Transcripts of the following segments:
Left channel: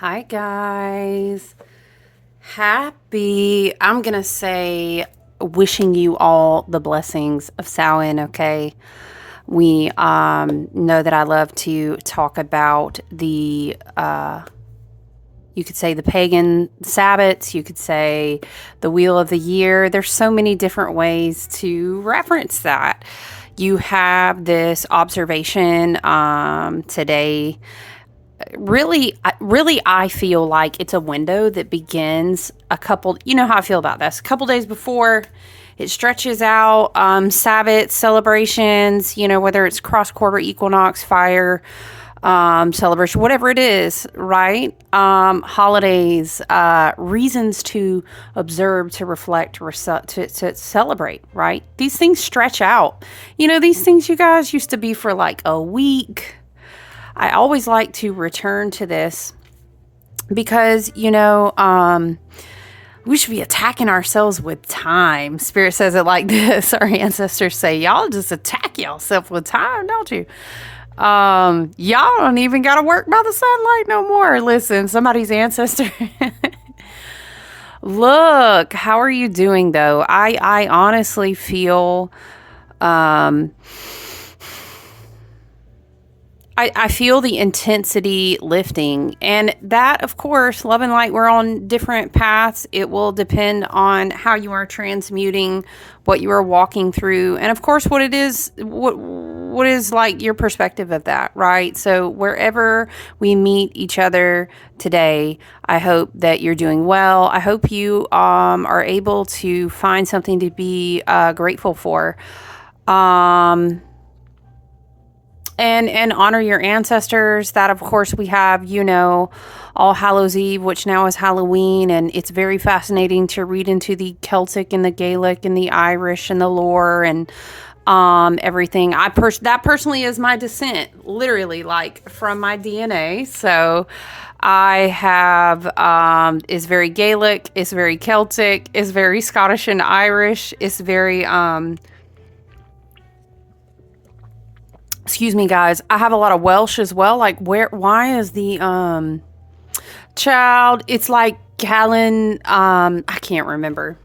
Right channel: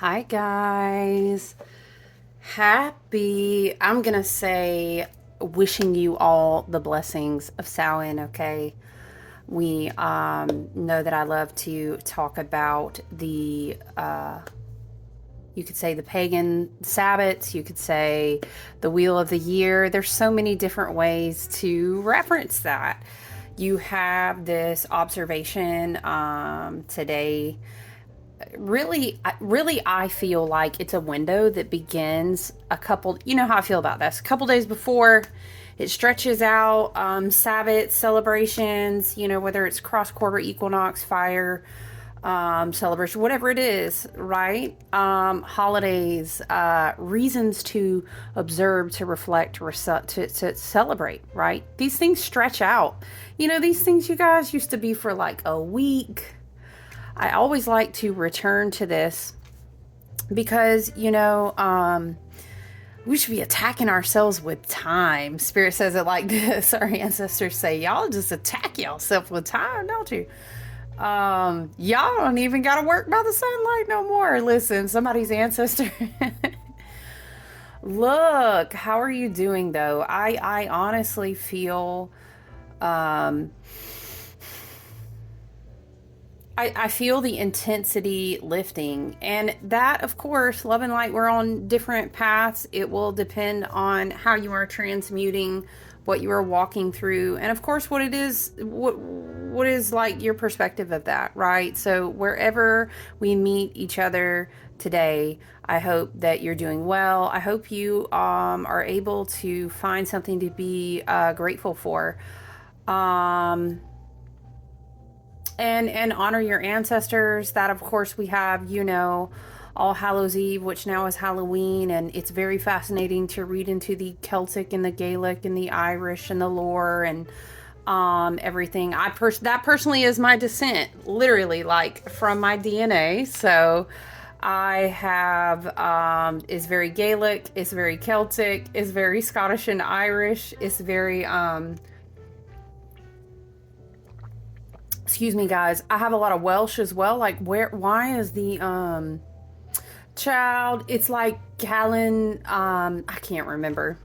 Hi, guys. I'm going to say, wishing you all the blessings of Samhain, okay? We know that I love to talk about you could say the pagan Sabbats, you could say the Wheel of the Year. There's so many different ways to reference that. You have this observation today. Really, I feel like it's a window that begins you know how I feel about this, a couple days before it stretches out. Sabbath celebrations, whether it's cross quarter equinox, fire, celebration, whatever it is, right? Holidays, reasons to observe, to reflect, to celebrate, right? These things stretch out. These things, you guys, used to be for like a week. I always like to return to this because, we should be attacking ourselves with time. Spirit says it like this. Our ancestors say, y'all just attack yourself with time, don't you? Y'all don't even got to work by the sunlight no more. Listen, somebody's ancestor. Look, how are you doing though? I honestly feel, I feel the intensity lifting. And that, of course, love and light, we're on different paths. It will depend on how you are transmuting, what you are walking through, and of course, what it is, what is like your perspective of that, right? So wherever we meet each other today, I hope that you're doing well. I hope you are able to find something to be grateful for. And honor your ancestors. That, of course, we have, All Hallows Eve, which now is Halloween, and it's very fascinating to read into the Celtic and the Gaelic and the Irish and the lore and everything. That personally is my descent, literally, like from my DNA. So I have is very Gaelic, is very Celtic, is very Scottish and Irish, is very excuse me, guys. I have a lot of Welsh as well. Like, why is the child? It's like Callan. I can't remember.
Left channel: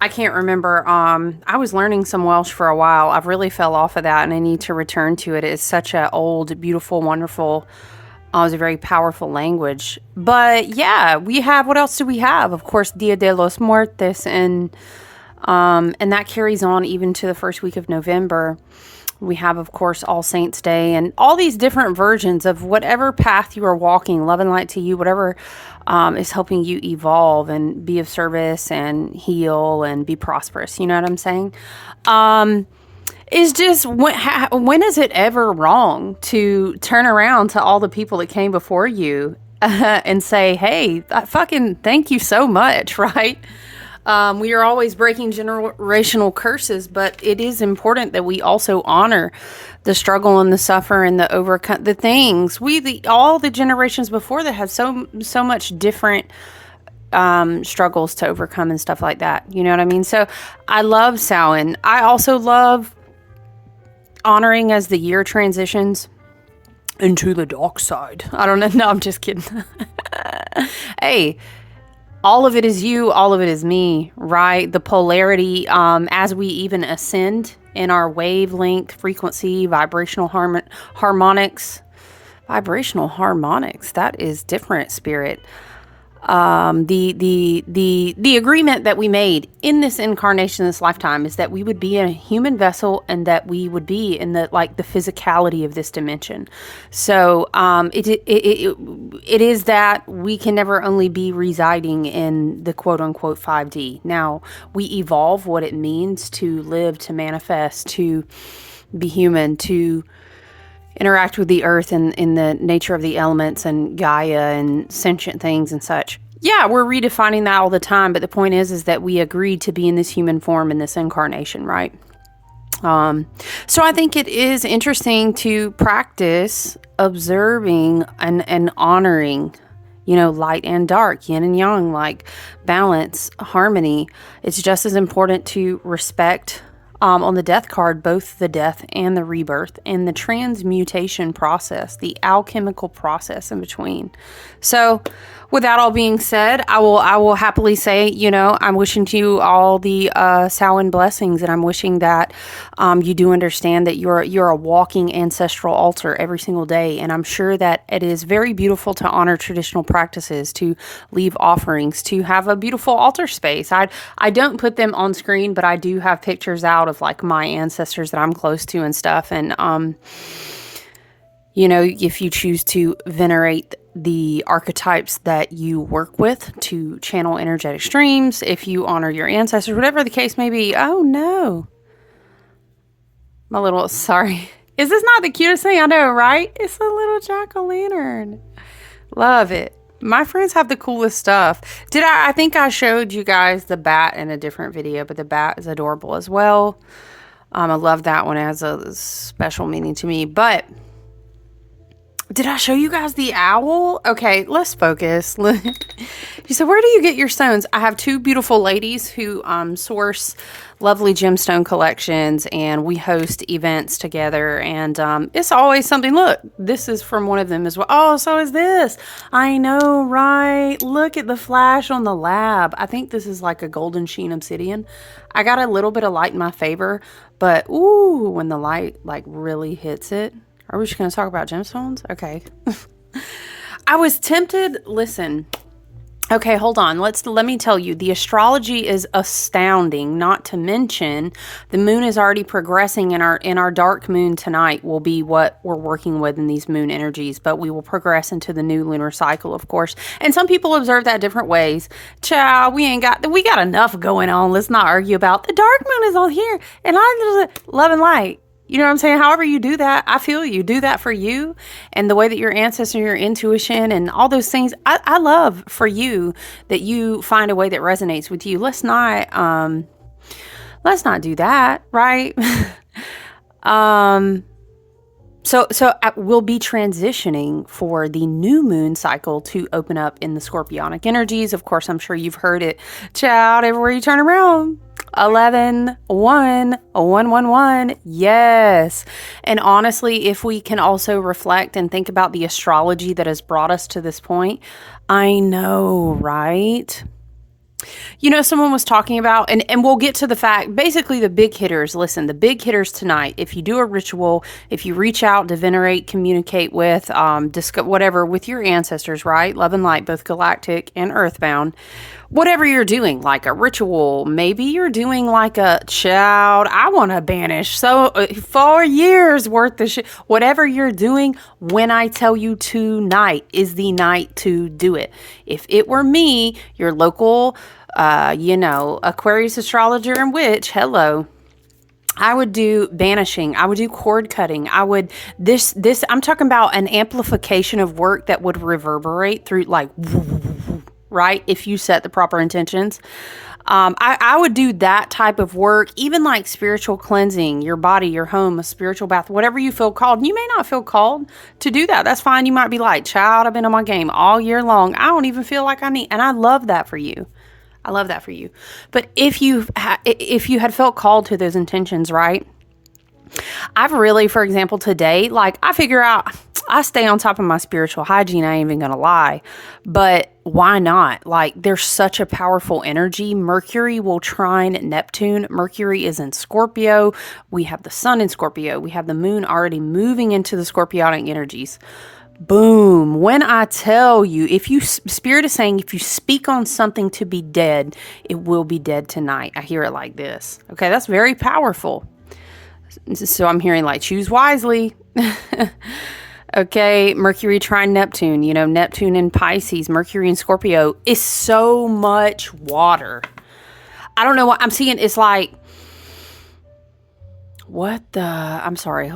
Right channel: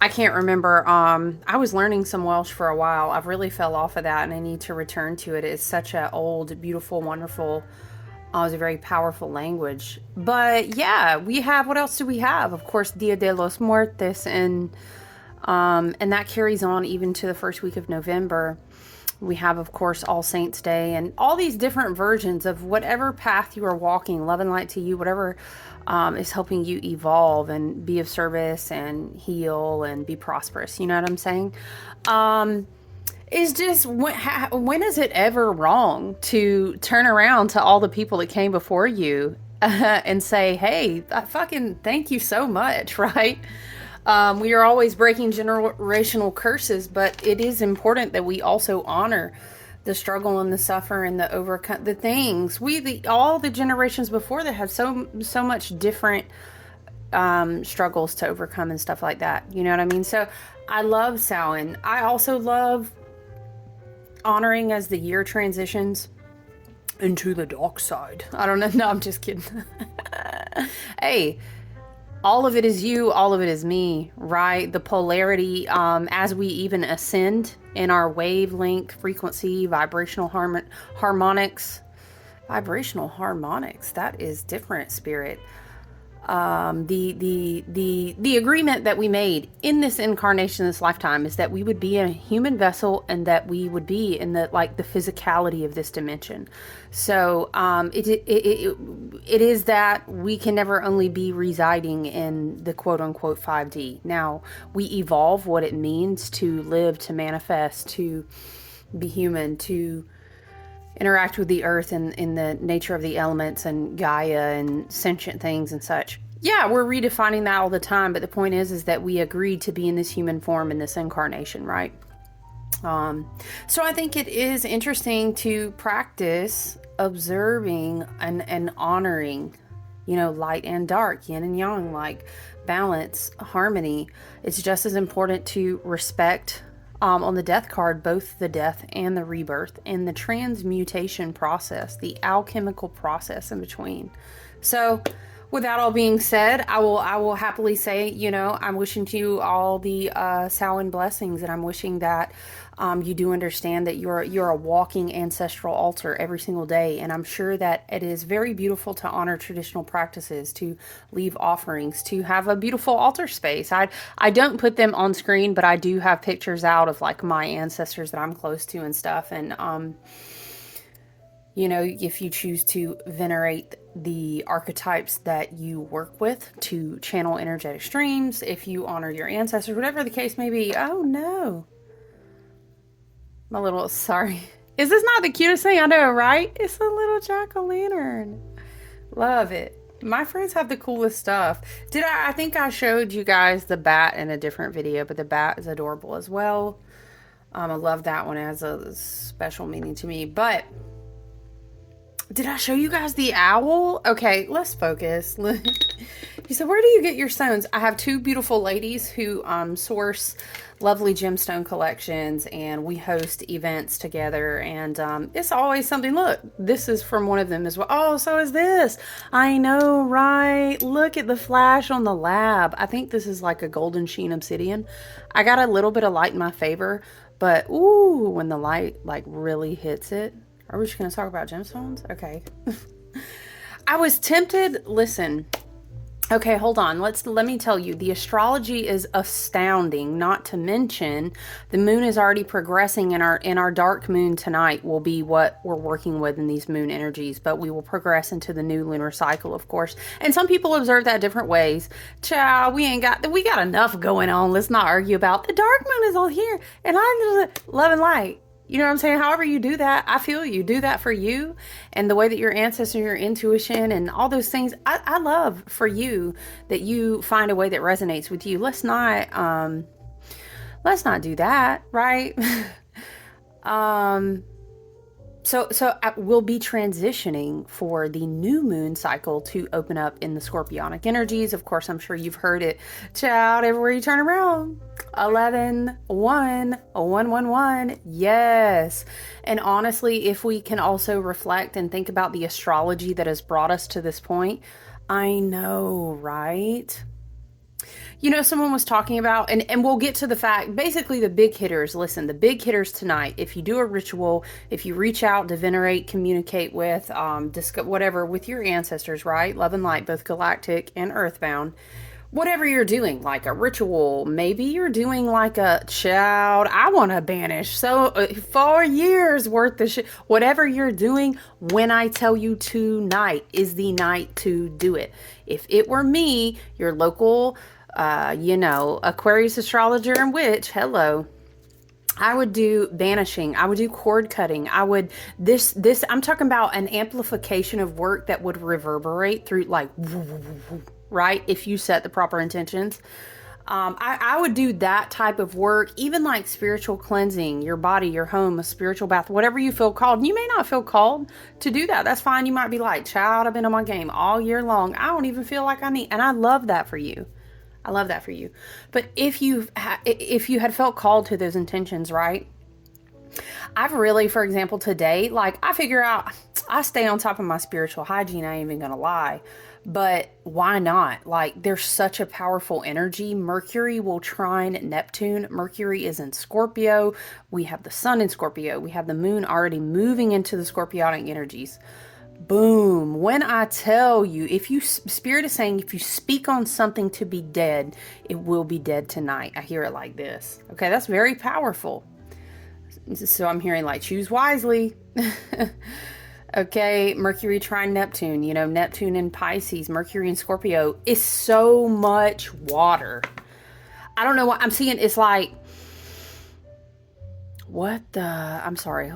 I was learning some Welsh for a while. I've really fell off of that, and I need to return to it. It's such a old, beautiful, wonderful. It's a very powerful language. But yeah, we have. What else do we have? Of course, Dia de los Muertos, and that carries on even to the first week of November. We have, of course, All Saints Day and all these different versions of whatever path you are walking, love and light to you, whatever is helping you evolve and be of service and heal and be prosperous. You know what I'm saying? Is just when is it ever wrong to turn around to all the people that came before you and say, hey, fucking thank you so much, right? We are always breaking generational curses, but it is important that we also honor the struggle and the suffer and the overcome the things. All the generations before that had so much different struggles to overcome and stuff like that. You know what I mean? So I love Samhain. I also love honoring as the year transitions into the dark side. I don't know. No, I'm just kidding. Hey. All of it is you, all of it is me, right? The polarity, as we even ascend in our wavelength, frequency, vibrational harmonics. Vibrational harmonics, that is different, spirit. The agreement that we made in this incarnation, this lifetime, is that we would be in a human vessel and that we would be in the physicality of this dimension. So it is that we can never only be residing in the quote unquote 5D. Now we evolve what it means to live, to manifest, to be human, to interact with the earth and in the nature of the elements and Gaia and sentient things and such. Yeah, we're redefining that all the time, but the point is that we agreed to be in this human form in this incarnation, right? So I think it is interesting to practice observing and honoring, light and dark, yin and yang, like balance, harmony. It's just as important to respect on the death card, both the death and the rebirth and the transmutation process, the alchemical process in between. So with that all being said, I will happily say, you know, I'm wishing to you all the Samhain blessings, and I'm wishing that you do understand that you're a walking ancestral altar every single day. And I'm sure that it is very beautiful to honor traditional practices, to leave offerings, to have a beautiful altar space. I don't put them on screen, but I do have pictures out of like my ancestors that I'm close to and stuff. And you know, if you choose to venerate the archetypes that you work with to channel energetic streams, if you honor your ancestors, whatever the case may be. Oh no. My little, sorry. Is this not the cutest thing? I know, right? It's a little jack-o'-lantern. Love it. My friends have the coolest stuff. I think I showed you guys the bat in a different video, but the bat is adorable as well. I love that one. It has a special meaning to me. But did I show you guys the owl? Okay, let's focus. She said, where do you get your stones? I have two beautiful ladies who source lovely gemstone collections, and we host events together. And it's always something. Look, this is from one of them as well. Oh, so is this. I know, right? Look at the flash on the lab. I think this is like a golden sheen obsidian. I got a little bit of light in my favor, but ooh, when the light like really hits it. Are we just going to talk about gemstones? Okay. I was tempted. Listen. Okay, hold on. Let me tell you, the astrology is astounding. Not to mention, the moon is already progressing in our dark moon tonight will be what we're working with in these moon energies, but we will progress into the new lunar cycle, of course. And some people observe that different ways. Child, we got enough going on. Let's not argue about the dark moon is on here, and I'm love and light. You know what I'm saying? However you do that, I feel you do that for you, and the way that your ancestor, your intuition, and all those things. I love for you that you find a way that resonates with you. Let's not do that, right? So we'll be transitioning for the new moon cycle to open up in the Scorpionic energies. Of course, I'm sure you've heard it. Child, everywhere you turn around. 11, 1, 1, 1, 1. Yes. And honestly, if we can also reflect and think about the astrology that has brought us to this point, I know, right? You know, someone was talking about, and we'll get to the fact, basically the big hitters. Listen, the big hitters tonight, if you do a ritual, if you reach out to venerate, communicate with, discuss whatever with your ancestors, right? Love and light, both galactic and earthbound. Whatever you're doing, like a ritual, maybe you're doing like a child, I want to banish 4 years worth of shit. Whatever you're doing, when I tell you tonight is the night to do it. If it were me, your local, Aquarius astrologer and witch, hello, I would do banishing. I would do cord cutting. I would, I'm talking about an amplification of work that would reverberate through like, right? If you set the proper intentions. I would do that type of work, even like spiritual cleansing, your body, your home, a spiritual bath, whatever you feel called. You may not feel called to do that. That's fine. You might be like, child, I've been on my game all year long. I don't even feel like I need, and I love that for you. I love that for you. But if you had felt called to those intentions, right? I've really, for example, today, like I figure out, I stay on top of my spiritual hygiene. I ain't even gonna lie, but why not? Like there's such a powerful energy. Mercury will trine Neptune. Mercury is in Scorpio. We have the sun in Scorpio. We have the moon already moving into the Scorpionic energies. Boom. When I tell you, Spirit is saying, if you speak on something to be dead, it will be dead tonight. I hear it like this. Okay, that's very powerful. So I'm hearing like, choose wisely. Okay, Mercury trine Neptune. You know, Neptune in Pisces, Mercury in Scorpio is so much water. I don't know what I'm seeing. It's like, I'm sorry.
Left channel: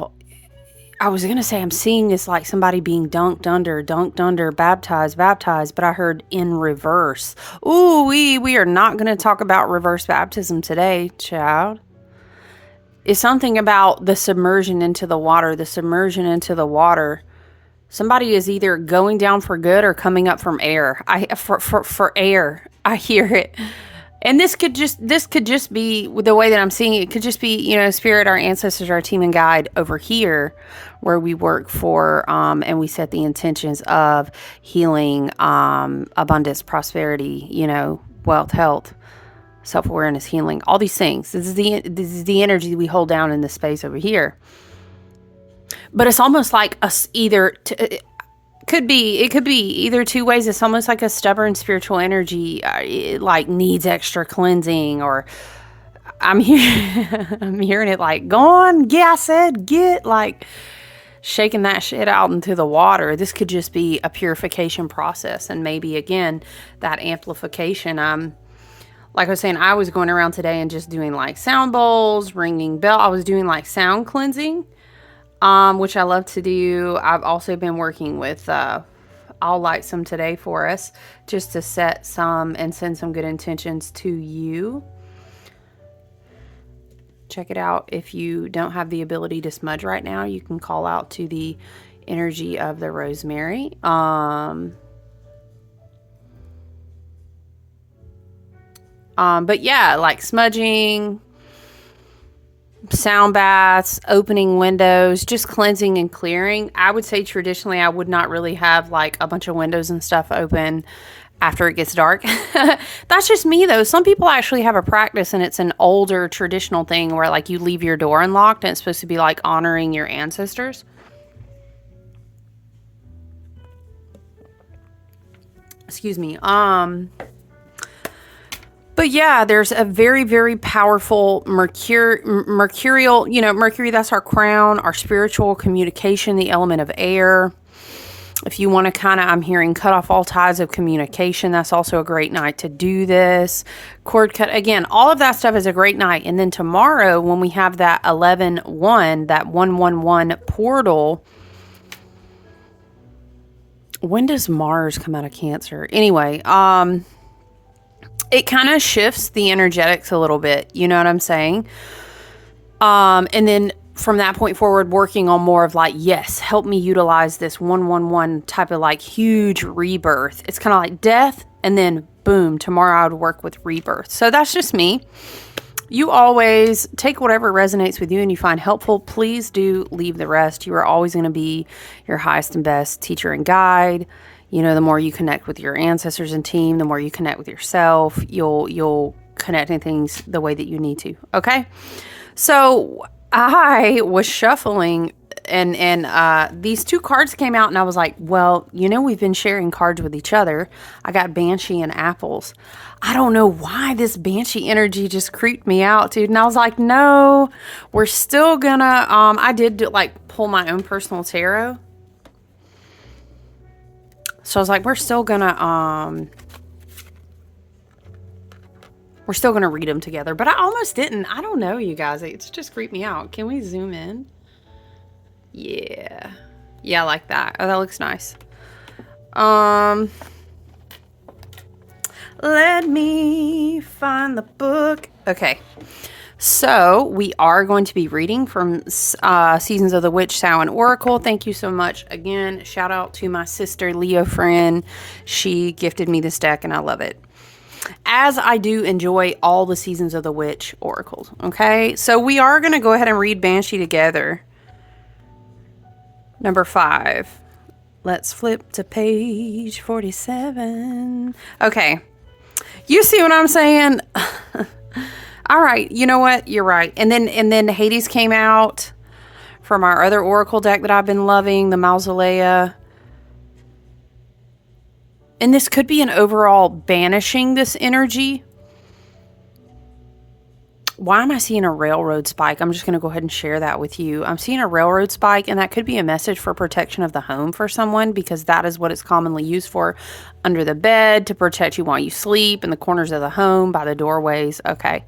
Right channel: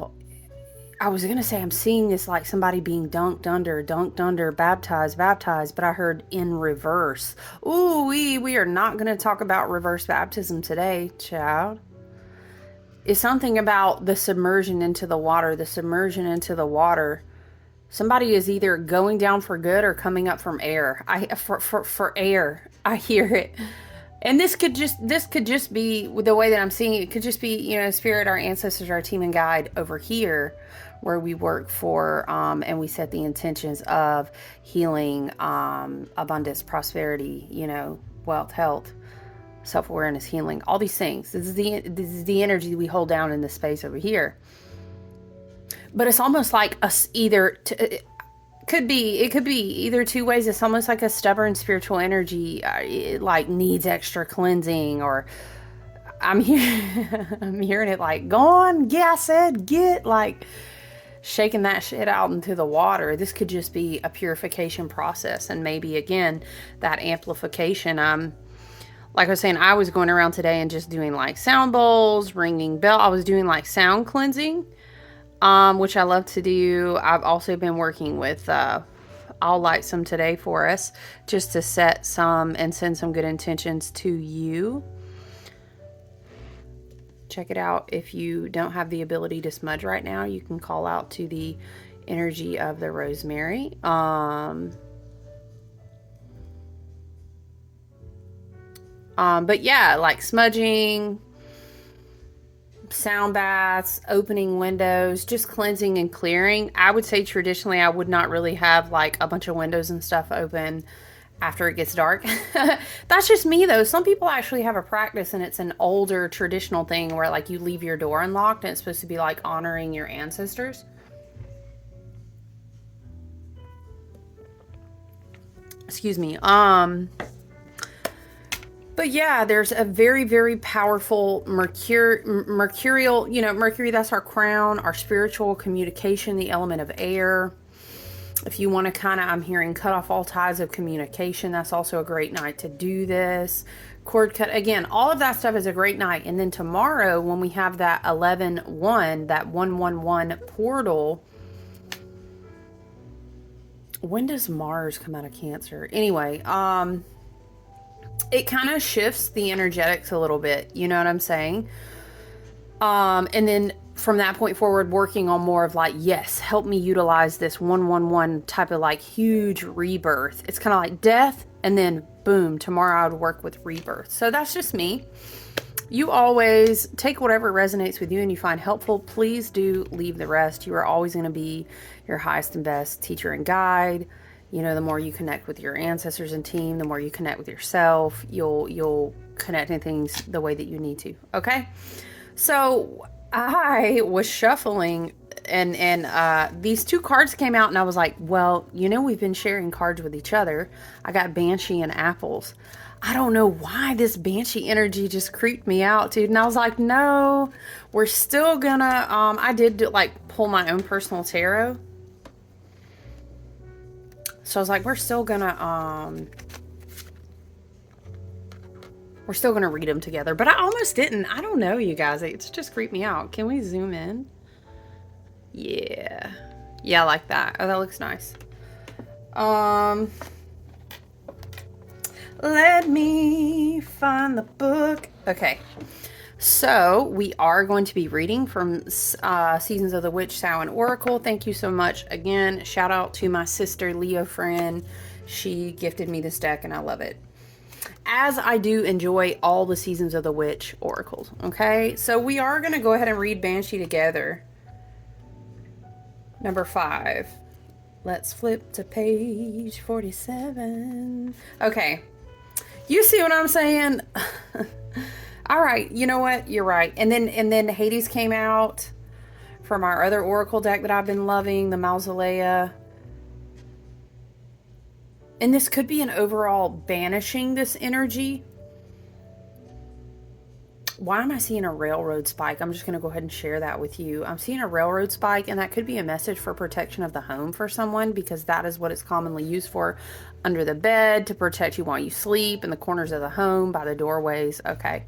I was going to say I'm seeing this like somebody being dunked under, baptized, but I heard in reverse. Ooh, we are not going to talk about reverse baptism today, child. It's something about the submersion into the water, Somebody is either going down for good or coming up from air. For air. I hear it. And this could just be the way that I'm seeing it. It could just be, spirit, our ancestors, our team and guide over here where we work for, and we set the intentions of healing, abundance, prosperity, wealth, health, self-awareness, healing, all these things. This is the energy we hold down in this space over here. But it's almost like us it could be either two ways. It's almost like a stubborn spiritual energy, it like needs extra cleansing, or I'm I'm hearing it like, go on, yeah, I said, get, like, shaking that shit out into the water. This could just be a purification process. And maybe, again, that amplification. Like I was saying, I was going around today and just doing like sound bowls, ringing bell. I was doing like sound cleansing, which I love to do. I've also been working with, I'll light some today for us just to set some and send some good intentions to you. Check it out. If you don't have the ability to smudge right now, you can call out to the energy of the rosemary. But yeah, like smudging, sound baths, opening windows, just cleansing and clearing. I would say traditionally I would not really have like a bunch of windows and stuff open after it gets dark. That's just me though. Some people actually have a practice, and it's an older traditional thing where like you leave your door unlocked, and it's supposed to be like honoring your ancestors. Excuse me. But yeah, there's a very, very powerful mercurial, Mercury, that's our crown, our spiritual communication, the element of air. If you want to I'm hearing cut off all ties of communication, that's also a great night to do this. Cord cut, again, all of that stuff is a great night. And then tomorrow, when we have that 11-1, that 111 portal, when does Mars come out of Cancer? Anyway, it kind of shifts the energetics a little bit. You know what I'm saying? And then from that point forward, working on more of like, yes, help me utilize this 111 type of like huge rebirth. It's kind of like death, and then boom, tomorrow I would work with rebirth. So that's just me. You always take whatever resonates with you and you find helpful. Please do leave the rest. You are always going to be your highest and best teacher and guide. The more you connect with your ancestors and team, the more you connect with yourself, you'll connect in things the way that you need to. Okay. So I was shuffling and these two cards came out, and I was like, well, we've been sharing cards with each other. I got Banshee and Apples. I don't know why this Banshee energy just creeped me out, dude. And I was like, no, we're still gonna, I did pull my own personal tarot. So I was like, we're still gonna read them together. But I almost didn't. I don't know, you guys. It's just creeped me out. Can we zoom in? Yeah. Yeah, I like that. Oh, that looks nice. Let me find the book. Okay. So we are going to be reading from Seasons of the Witch, Samhain Oracle. Thank you so much. Again, shout out to my sister, Leo friend. She gifted me this deck, and I love it. As I do enjoy all the Seasons of the Witch oracles. Okay, so we are going to go ahead and read Banshee together. Number 5. Let's flip to page 47. Okay. You see what I'm saying? All right, you know what? You're right. And then Hades came out from our other oracle deck that I've been loving, the Mausolea. And this could be an overall banishing this energy. Why am I seeing a railroad spike? I'm just going to go ahead and share that with you. I'm seeing a railroad spike, and that could be a message for protection of the home for someone, because that is what it's commonly used for. Under the bed, to protect you while you sleep, in the corners of the home, by the doorways. Okay.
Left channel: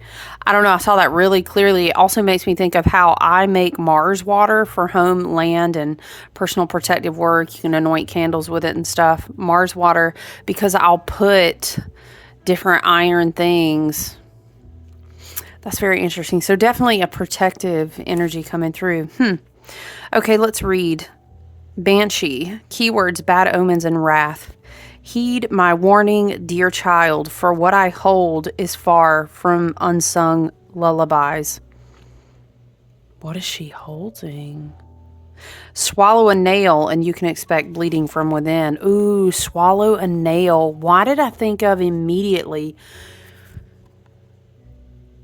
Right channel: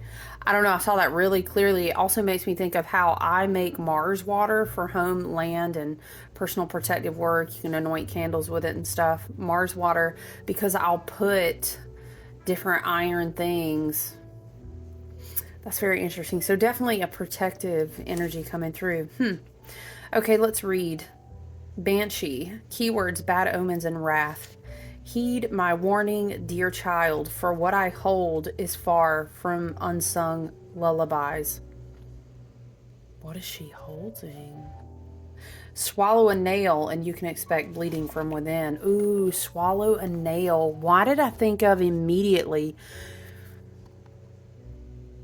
I don't know. I saw that really clearly. It also makes me think of how I make Mars water for home, land, and personal protective work. You can anoint candles with it and stuff. Mars water, because I'll put different iron things. That's very interesting. So definitely a protective energy coming through. Okay, let's read. Banshee. Keywords: bad omens and wrath. Heed my warning, dear child, for what I hold is far from unsung lullabies. What is she holding? Swallow a nail and you can expect bleeding from within. Ooh, swallow a nail. Why did I think of immediately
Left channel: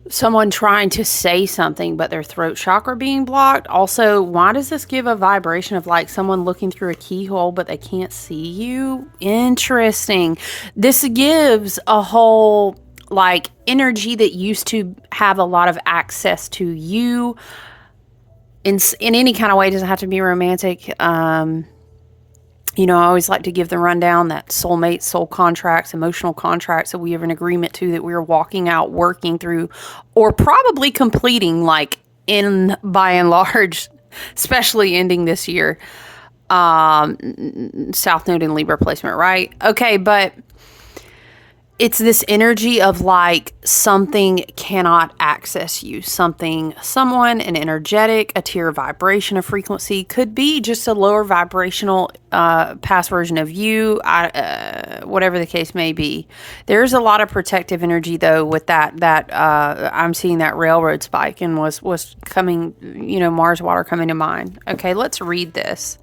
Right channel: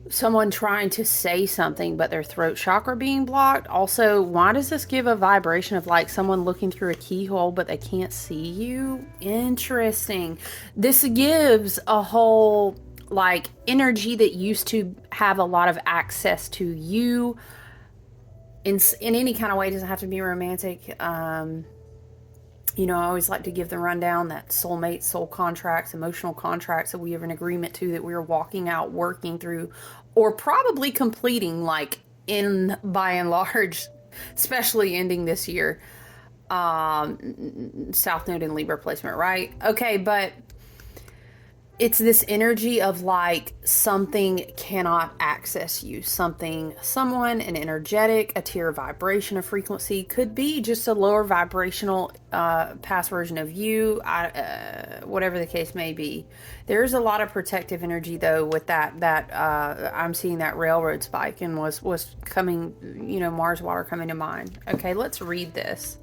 someone trying to say something but their throat chakra being blocked? Also, why does this give a vibration of like someone looking through a keyhole but they can't see you? Interesting. This gives a whole like energy that used to have a lot of access to you in any kind of way. It doesn't have to be romantic. You know, I always like to give the rundown that soulmates, soul contracts, emotional contracts that we have an agreement to, that we're walking out, working through, or probably completing, like in by and large, especially ending this year. South Node in Libra placement, right? Okay, but it's this energy of like something cannot access you. Something, someone, an energetic, a tier of vibration, a frequency, could be just a lower vibrational past version of you, whatever the case may be. There's a lot of protective energy though with that I'm seeing that railroad spike and was coming, you know, Mars water coming to mind. Okay, let's read this.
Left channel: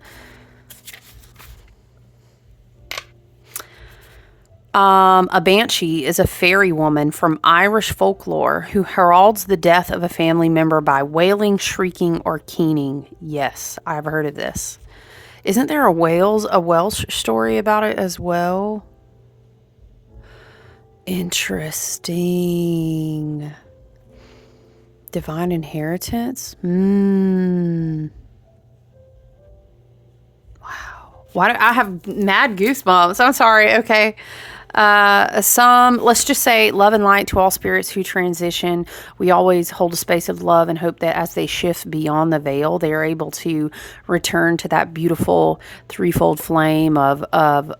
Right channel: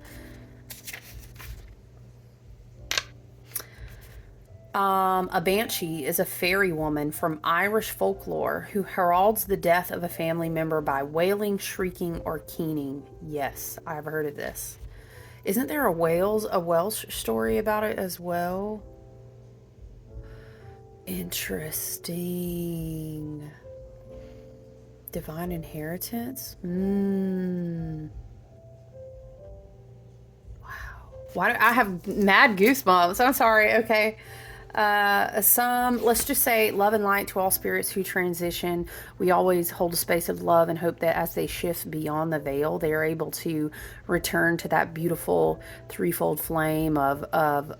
A banshee is a fairy woman from Irish folklore who heralds the death of a family member by wailing, shrieking, or keening. Yes, I've heard of this. Isn't there a Welsh story about it as well? Interesting. Divine inheritance? Wow. Why do I have mad goosebumps? I'm sorry. Okay. Let's just say love and light to all spirits who transition. We always hold a space of love and hope that as they shift beyond the veil, they are able to return to that beautiful threefold flame of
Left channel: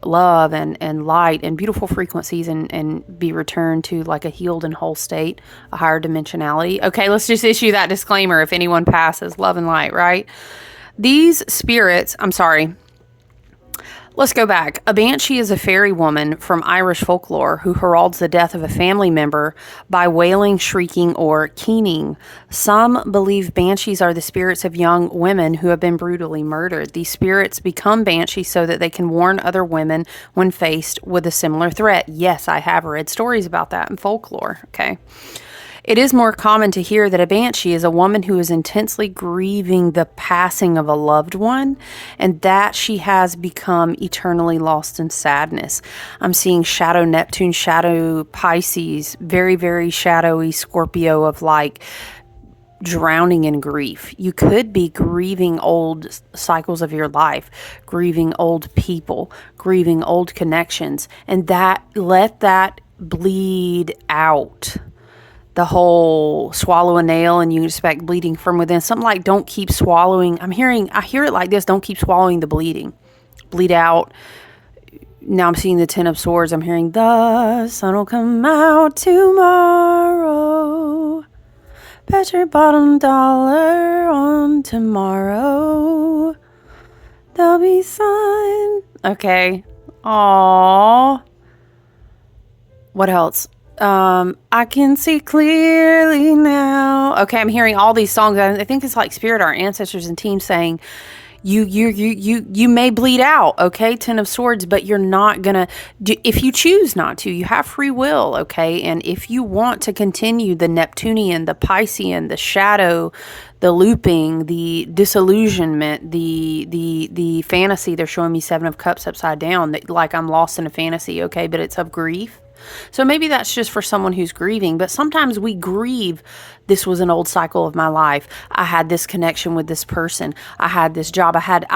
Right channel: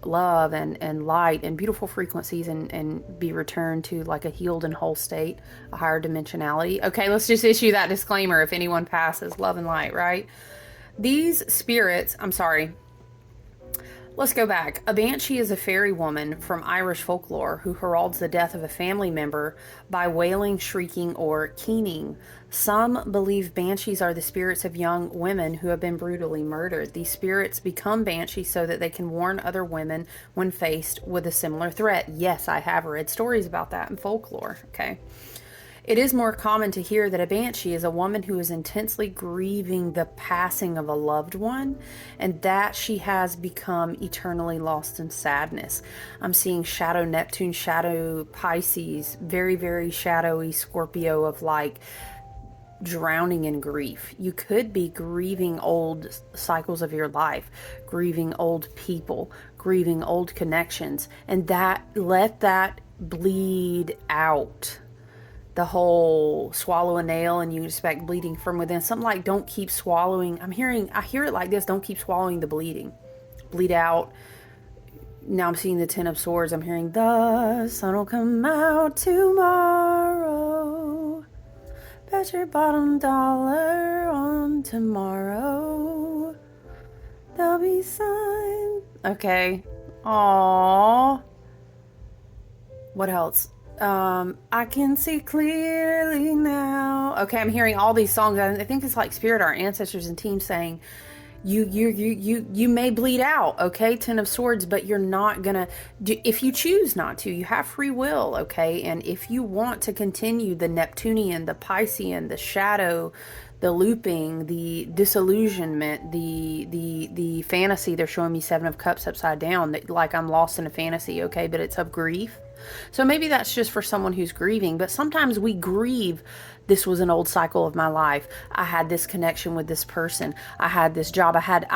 love and light and beautiful frequencies and be returned to like a healed and whole state, a higher dimensionality. Okay, let's just issue that disclaimer if anyone passes love and light, right? These spirits, let's go back. A banshee is a fairy woman from Irish folklore who heralds the death of a family member by wailing, shrieking, or keening. Some believe banshees are the spirits of young women who have been brutally murdered. These spirits become banshees so that they can warn other women when faced with a similar threat. Yes, I have read stories about that in folklore. Okay. It is more common to hear that a banshee is a woman who is intensely grieving the passing of a loved one and that she has become eternally lost in sadness. I'm seeing shadow Neptune, shadow Pisces, very, very shadowy Scorpio of like drowning in grief. You could be grieving old cycles of your life, grieving old people, grieving old connections, and let that bleed out. The whole swallow a nail and you expect bleeding from within. Something like don't keep swallowing. I hear it like this. Don't keep swallowing the bleeding. Bleed out. Now I'm seeing the Ten of Swords. I'm hearing the sun will come out tomorrow. Bet your bottom dollar on tomorrow. There'll be sun. Okay. Aww. What else? I can see clearly now. Okay, I'm hearing all these songs. I think it's like spirit, our ancestors and teams saying, you may bleed out, okay, Ten of Swords, but you're not gonna, if you choose not to, you have free will, okay, and if you want to continue the Neptunian, the Piscean, the shadow, the looping, the disillusionment, the fantasy, they're showing me Seven of Cups upside down, that like I'm lost in a fantasy, okay, but it's of grief. So maybe that's just for someone who's grieving, but sometimes we grieve. This was an old cycle of my life. I had this connection with this person. I had this job. I had.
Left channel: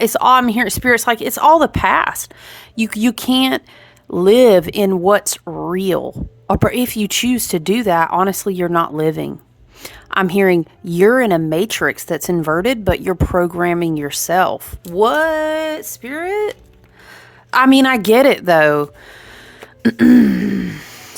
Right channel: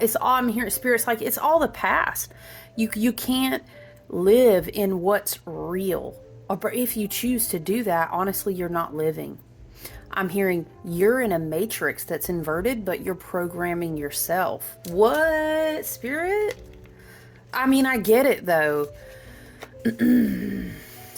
It's all I'm hearing. Spirit's like, it's all the past. You can't live in what's real. Or if you choose to do that, honestly, you're not living. I'm hearing you're in a matrix that's inverted, but you're programming yourself. What, Spirit? I mean, I get it though.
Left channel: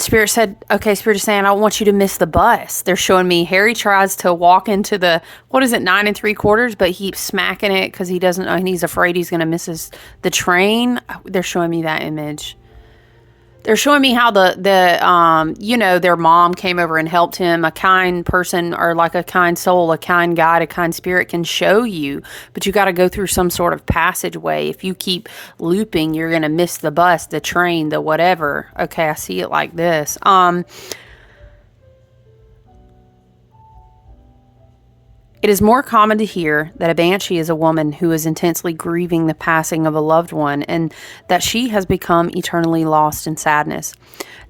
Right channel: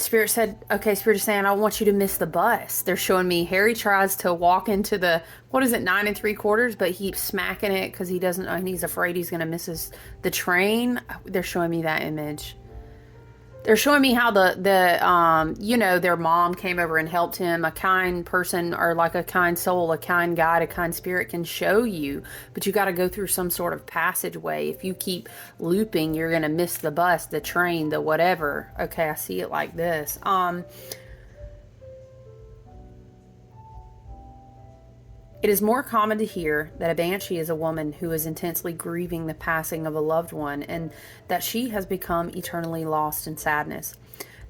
Spirit said, okay, Spirit is saying, I don't want you to miss the bus. They're showing me Harry tries to walk into the, what is it, 9 3/4, but he keeps smacking it because he doesn't know, and he's afraid he's going to miss the train. They're showing me that image. They're showing me how their mom came over and helped him. A kind person, or like a kind soul, a kind guide, a kind spirit can show you, but you got to go through some sort of passageway. If you keep looping, you're going to miss the bus, the train, the whatever. Okay, I see it like this. It is more common to hear that a banshee is a woman who is intensely grieving the passing of a loved one and that she has become eternally lost in sadness.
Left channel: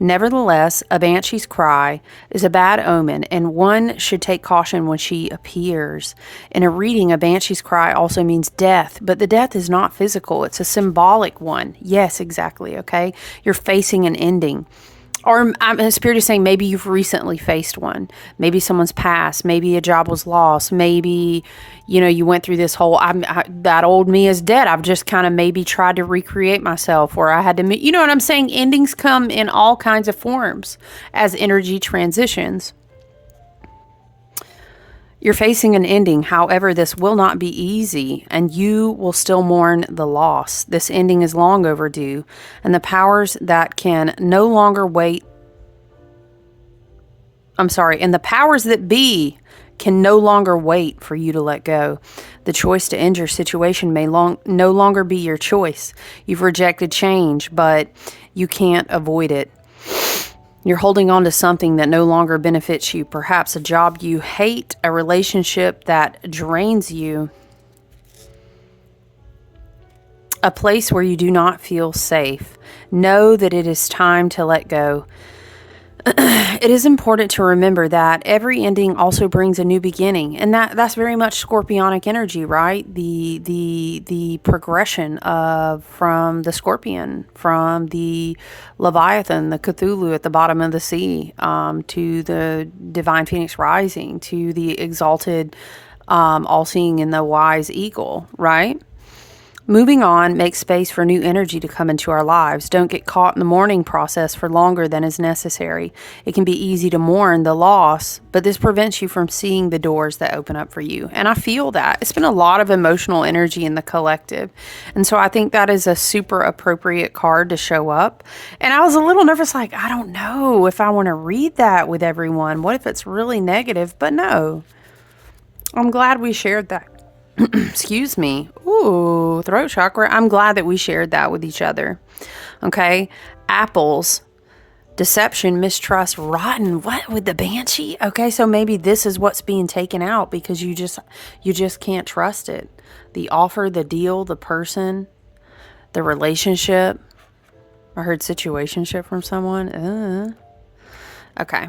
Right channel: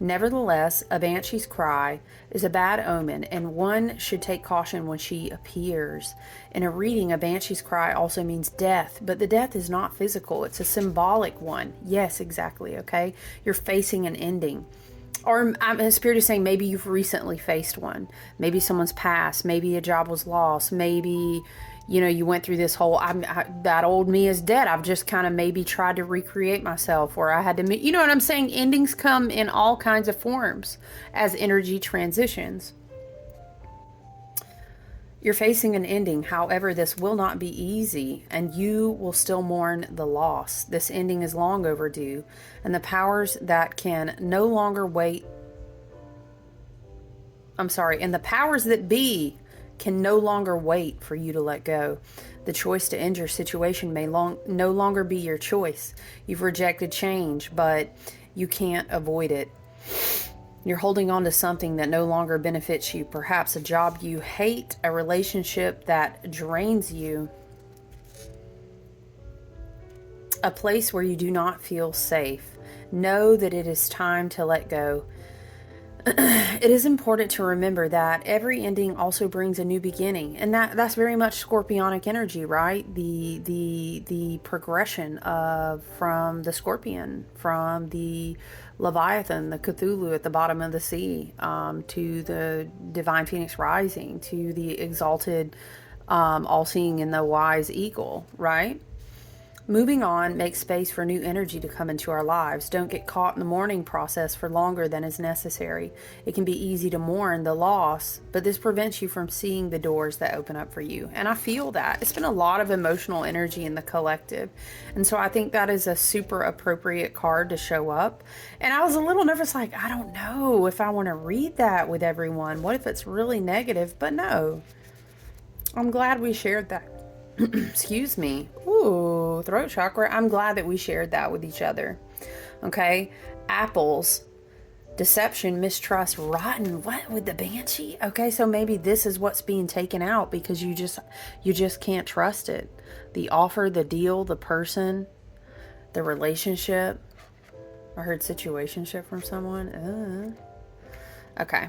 Nevertheless, a banshee's cry is a bad omen, and one should take caution when she appears. In a reading, a banshee's cry also means death, but the death is not physical. It's a symbolic one. Yes, exactly, okay? You're facing an ending. Or Spirit is saying maybe you've recently faced one. Maybe someone's passed. Maybe a job was lost. Maybe, you went through this whole, that old me is dead. I've just kind of maybe tried to recreate myself, or I had to meet, you know what I'm saying? Endings come in all kinds of forms as energy transitions. You're facing an ending. However, this will not be easy, and you will still mourn the loss. This ending is long overdue, and the powers that can no longer wait. And the powers that be can no longer wait for you to let go. The choice to end your situation may no longer be your choice. You've rejected change, but you can't avoid it. You're holding on to something that no longer benefits you. Perhaps a job you hate, a relationship that drains you, a place where you do not feel safe. Know that it is time to let go. It is important to remember that every ending also brings a new beginning, and that's very much Scorpionic energy, right? The progression from the Scorpion, from the Leviathan, the Cthulhu at the bottom of the sea, to the Divine Phoenix Rising, to the exalted, all-seeing and the wise eagle, right? Moving on, make space for new energy to come into our lives. Don't get caught in the mourning process for longer than is necessary. It can be easy to mourn the loss, but this prevents you from seeing the doors that open up for you. And I feel that. It's been a lot of emotional energy in the collective. And so I think that is a super appropriate card to show up. And I was a little nervous, like, I don't know if I want to read that with everyone. What if it's really negative? But no. I'm glad we shared that. Excuse me. Ooh, throat chakra. I'm glad that we shared that with each other. Okay. Apples, deception, mistrust, rotten. What with the banshee? Okay. So maybe this is what's being taken out because you just can't trust it. The offer, the deal, the person, the relationship. I heard situationship from someone. Okay.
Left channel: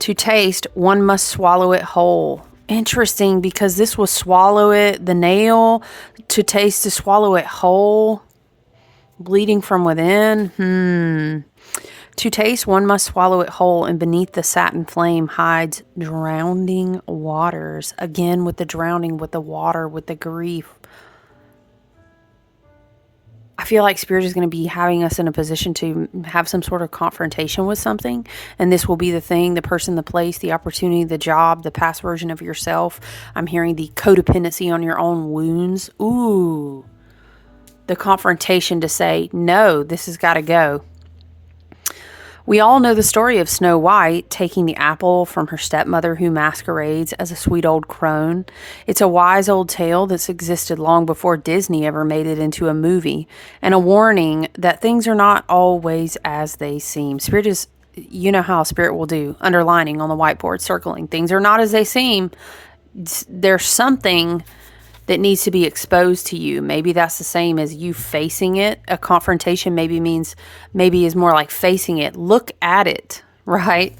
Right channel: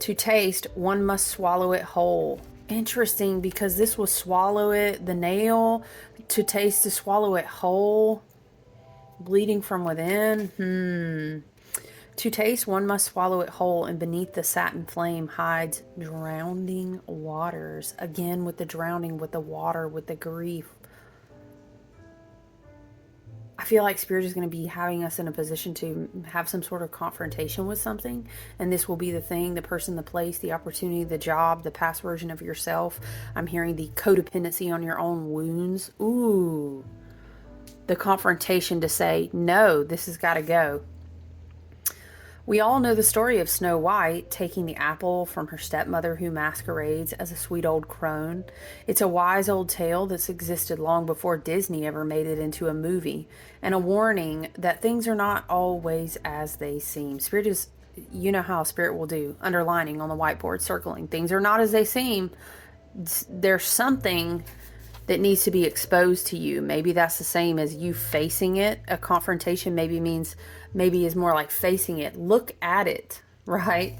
To taste, one must swallow it whole. Interesting, because this will swallow it, the nail, to taste, to swallow it whole, bleeding from within. To taste, one must swallow it whole, and beneath the satin flame hides drowning waters. Again, with the drowning, with the water, with the grief. I feel like Spirit is going to be having us in a position to have some sort of confrontation with something. And this will be the thing, the person, the place, the opportunity, the job, the past version of yourself. I'm hearing the codependency on your own wounds. Ooh. The confrontation to say, no, this has got to go. We all know the story of Snow White taking the apple from her stepmother who masquerades as a sweet old crone. It's a wise old tale that's existed long before Disney ever made it into a movie, and a warning that things are not always as they seem. Spirit is, you know how Spirit will do, underlining on the whiteboard, circling. Things are not as they seem. There's something that needs to be exposed to you. Maybe that's the same as you facing it. A confrontation maybe is more like facing it. Look at it, right?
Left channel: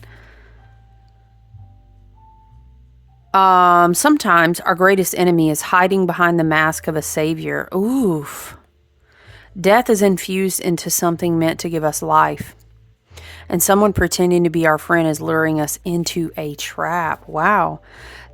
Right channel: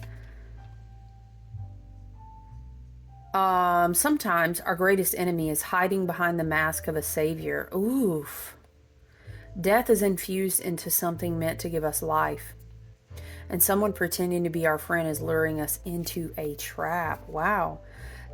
Sometimes our greatest enemy is hiding behind the mask of a savior. Oof. Death is infused into something meant to give us life. And someone pretending to be our friend is luring us into a trap. Wow.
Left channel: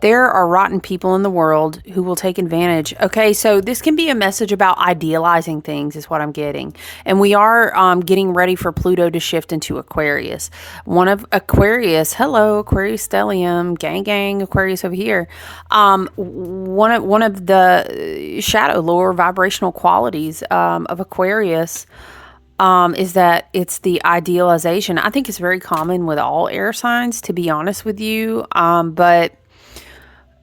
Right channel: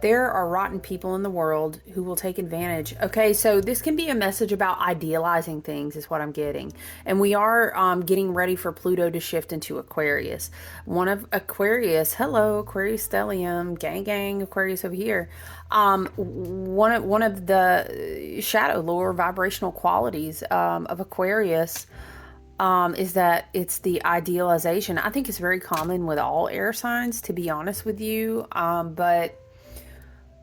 There are rotten people in the world who will take advantage. Okay, so this can be a message about idealizing things, is what I'm getting. And we are getting ready for Pluto to shift into Aquarius. One of Aquarius, hello, Aquarius stellium, gang, Aquarius over here. One of the shadow, lower vibrational qualities of Aquarius is that it's the idealization. I think it's very common with all air signs, to be honest with you. But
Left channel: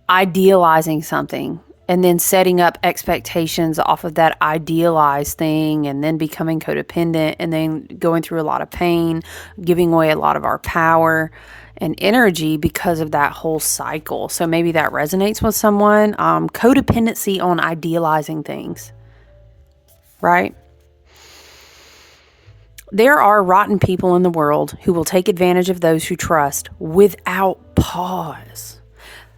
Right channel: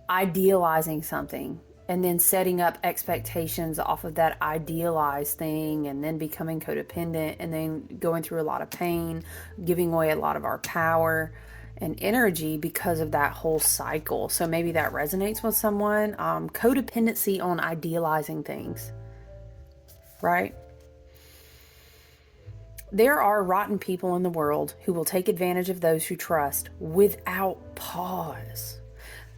idealizing something and then setting up expectations off of that idealized thing and then becoming codependent and then going through a lot of pain, giving away a lot of our power and energy because of that whole cycle. So maybe that resonates with someone. Codependency on idealizing things, right? There are rotten people in the world who will take advantage of those who trust without pause.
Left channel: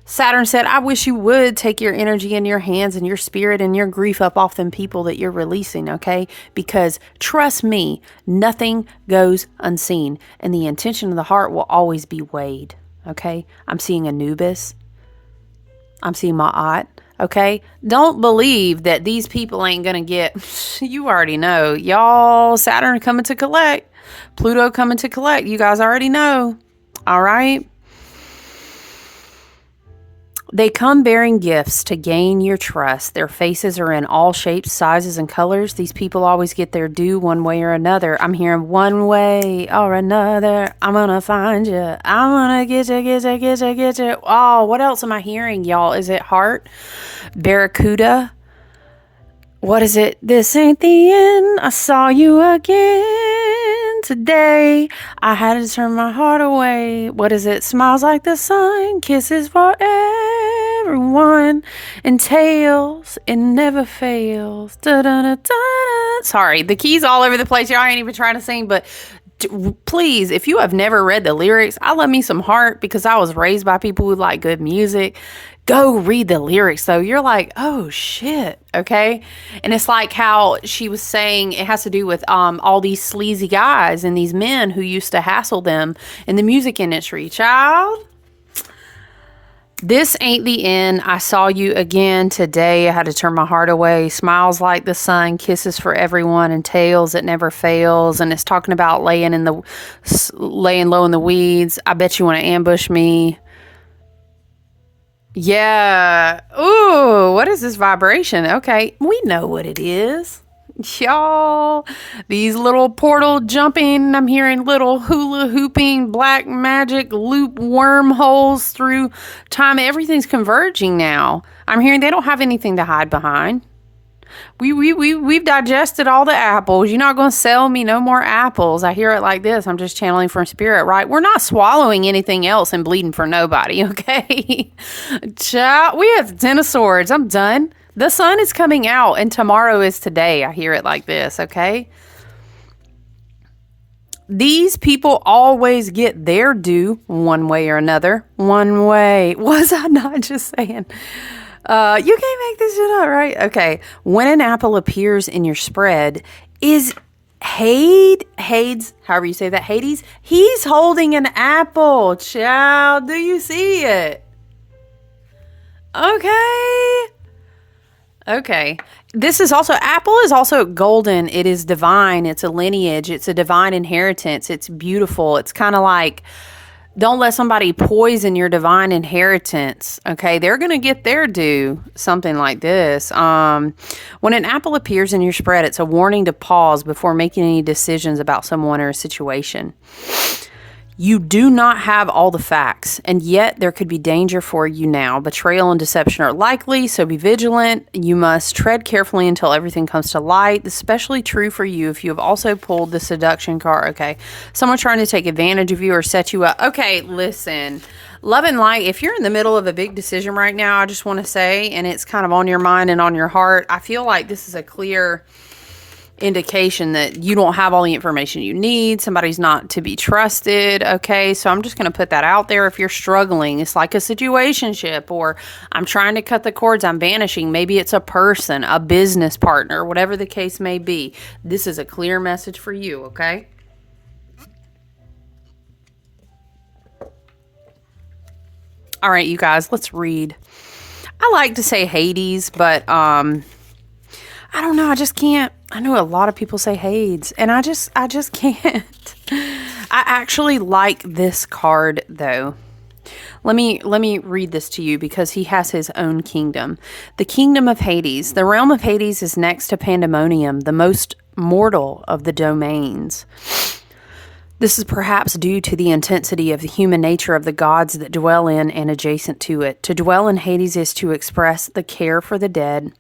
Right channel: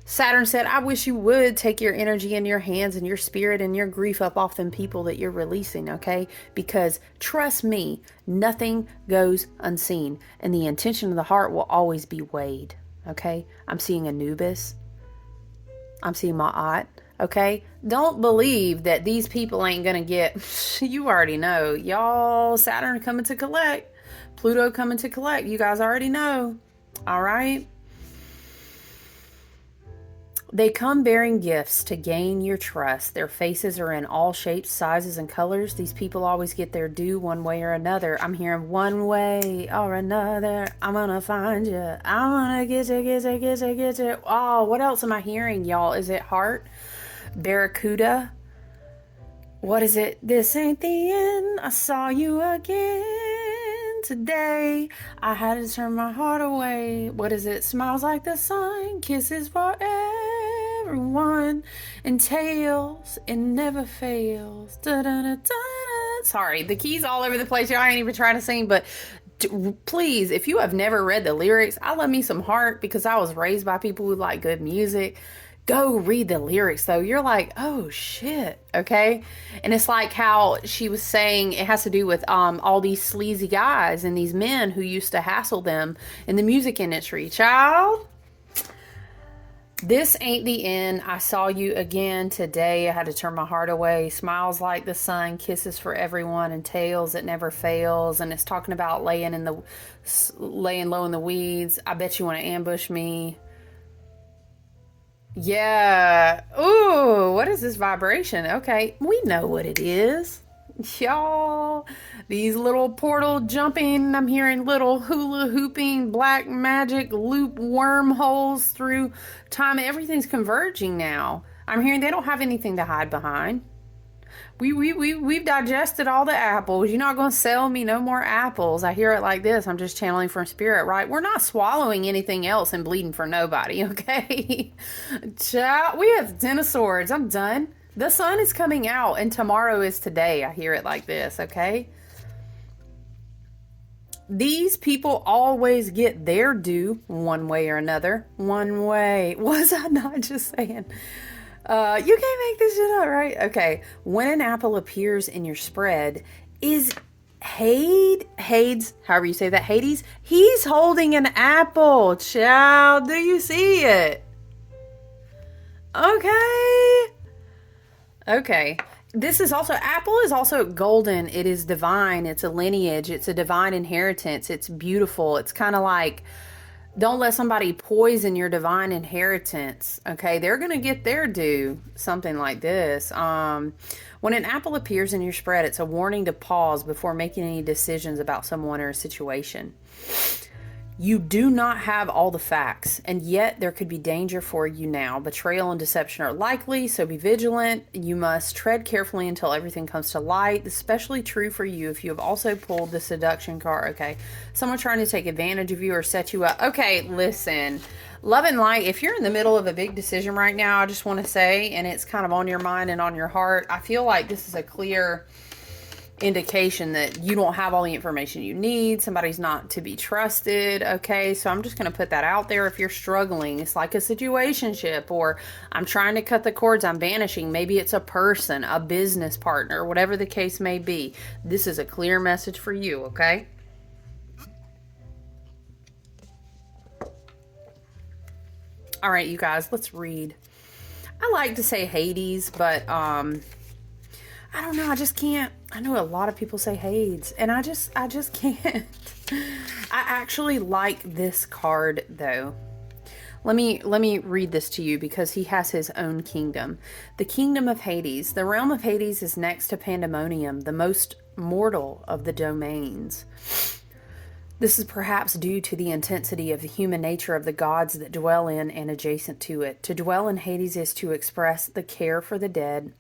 Saturn said, I wish you would take your energy in your hands and your spirit and your grief up off them people that you're releasing, okay? Because trust me, nothing goes unseen. And the intention of the heart will always be weighed, okay? I'm seeing Anubis. I'm seeing Ma'at, okay? Don't believe that these people ain't going to get, you already know. Y'all, Saturn coming to collect. Pluto coming to collect. You guys already know, all right? They come bearing gifts to gain your trust. Their faces are in all shapes, sizes, and colors. These people always get their due one way or another. I'm hearing one way or another. I'm gonna find you. I'm gonna get you. Oh, what else am I hearing, y'all? Is it heart? Barracuda? What is it? This ain't the end. I saw you again today. I had to turn my heart away. What is it? Smiles like the sun. Kisses for everyone. And tails. It never fails. Da-da-da-da-da. Sorry, the keys all over the place. Y'all ain't even trying to sing, but please, if you have never read the lyrics, I love me some heart because I was raised by people who like good music. Go read the lyrics, though. You're like, oh, shit, okay? And it's like how she was saying it has to do with all these sleazy guys and these men who used to hassle them in the music industry. Child, this ain't the end. I saw you again today. I had to turn my heart away. Smiles like the sun, kisses for everyone, and tails that never fails. And it's talking about laying low in the weeds. I bet you want to ambush me. Yeah. Ooh, what is this vibration? Okay, we know what it is. Y'all, these little portal jumping, I'm hearing little hula hooping, black magic loop wormholes through time. Everything's converging now. I'm hearing they don't have anything to hide behind. We've digested all the apples. You're not going to sell me no more apples. I hear it like this. I'm just channeling from spirit, right? We're not swallowing anything else and bleeding for nobody, okay? Child, we have the 10 of swords. I'm done. The sun is coming out and tomorrow is today. I hear it like this, okay? These people always get their due one way or another. One way. Was I not just saying? You can't make this shit up, right? Okay. When an apple appears in your spread, is Hades, however you say that, Hades, he's holding an apple. Child, do you see it? Okay. This is also, apple is also golden. It is divine. It's a lineage. It's a divine inheritance. It's beautiful. It's kind of like, don't let somebody poison your divine inheritance. Okay, they're going to get their due. Something like this. When an apple appears in your spread, it's a warning to pause before making any decisions about someone or a situation. You do not have all the facts, and yet there could be danger for you now. Betrayal and deception are likely, so be vigilant. You must tread carefully until everything comes to light. Especially true for you if you have also pulled the seduction card. Okay, someone trying to take advantage of you or set you up. Okay, listen. Love and light, if you're in the middle of a big decision right now, I just want to say, and it's kind of on your mind and on your heart, I feel like this is a clear indication that you don't have all the information you need. Somebody's not to be trusted. Okay, so I'm just going to put that out there. If you're struggling, it's like a situationship, or I'm trying to cut the cords, I'm vanishing. Maybe it's a person, a business partner, whatever the case may be. This is a clear message for you. Okay. All right, you guys, let's read. I like to say Hades, but I don't know. I just can't. I know a lot of people say Hades, and I just can't. I actually like this card though. Let me read this to you because he has his own kingdom. The kingdom of Hades. The realm of Hades is next to Pandemonium, the most mortal of the domains. This is perhaps due to the intensity of the human nature of the gods that dwell in and adjacent to it. To dwell in Hades is to express the care for the dead.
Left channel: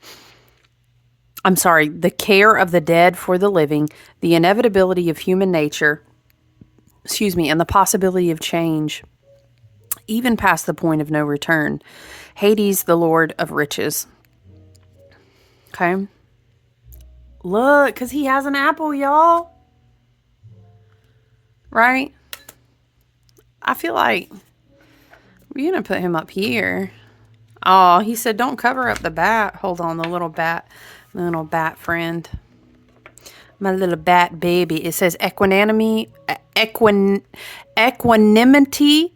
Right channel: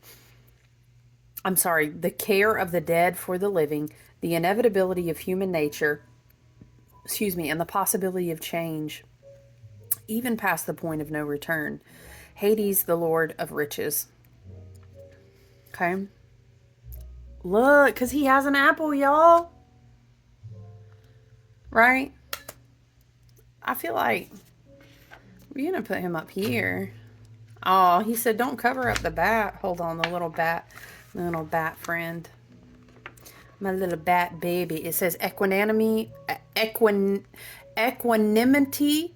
The care of the dead for the living, the inevitability of human nature, and the possibility of change, even past the point of no return. Hades, the Lord of riches. Okay. Look, because he has an apple, y'all. Right? I feel like we're going to put him up here. Oh, he said don't cover up the bat. Hold on, the little bat friend. My little bat baby. It says equanimity,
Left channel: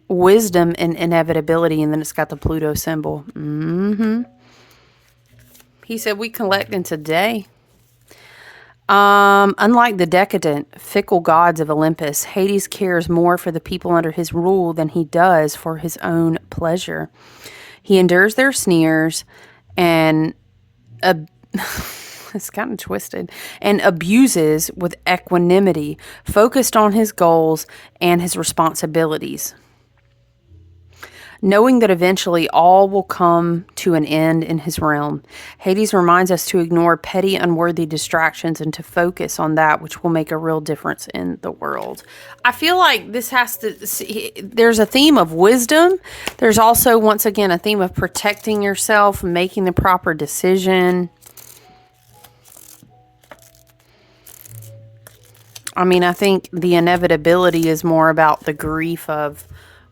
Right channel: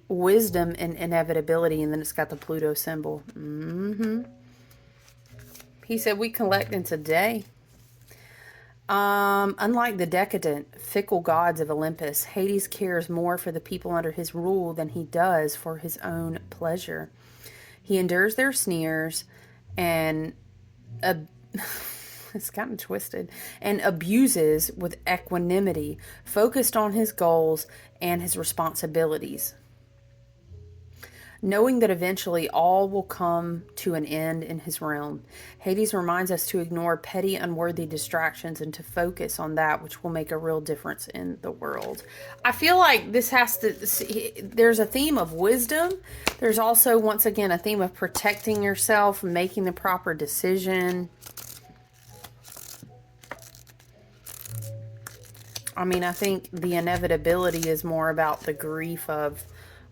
wisdom, and inevitability. And then it's got the Pluto symbol. He said we collect in today. Unlike the decadent, fickle gods of Olympus, Hades cares more for the people under his rule than he does for his own pleasure. He endures their sneers and it's kind of twisted, and abuses with equanimity, focused on his goals and his responsibilities. Knowing that eventually all will come to an end in his realm, Hades reminds us to ignore petty, unworthy distractions and to focus on that which will make a real difference in the world. I feel like this there's a theme of wisdom. There's also, once again, a theme of protecting yourself, making the proper decision. I mean, I think the inevitability is more about the grief of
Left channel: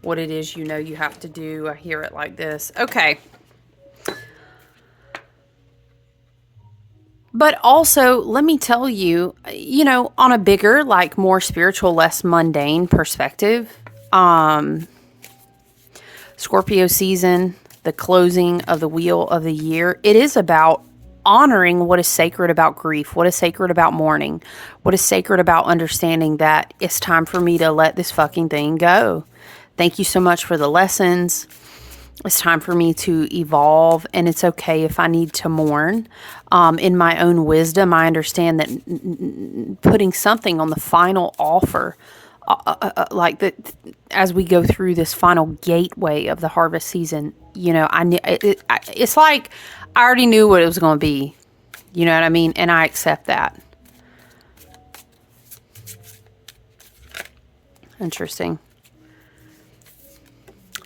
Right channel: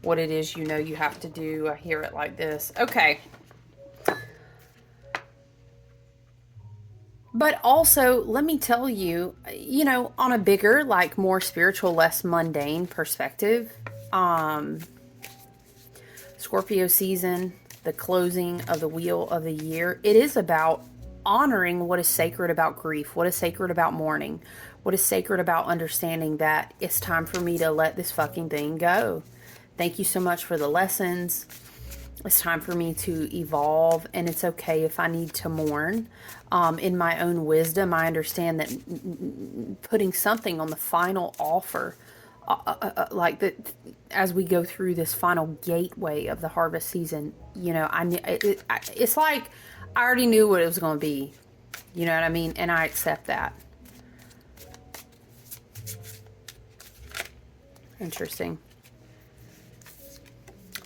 what it is you have to do. I hear it like this. Okay. But also, let me tell you, on a bigger, more spiritual, less mundane perspective, Scorpio season, the closing of the wheel of the year, it is about honoring what is sacred about grief, what is sacred about mourning, what is sacred about understanding that it's time for me to let this fucking thing go. Thank you so much for the lessons. It's time for me to evolve, and it's okay if I need to mourn. In my own wisdom, I understand that putting something on the final offer, as we go through this final gateway of the harvest season, it's like I already knew what it was going to be. You know what I mean? And I accept that. Interesting.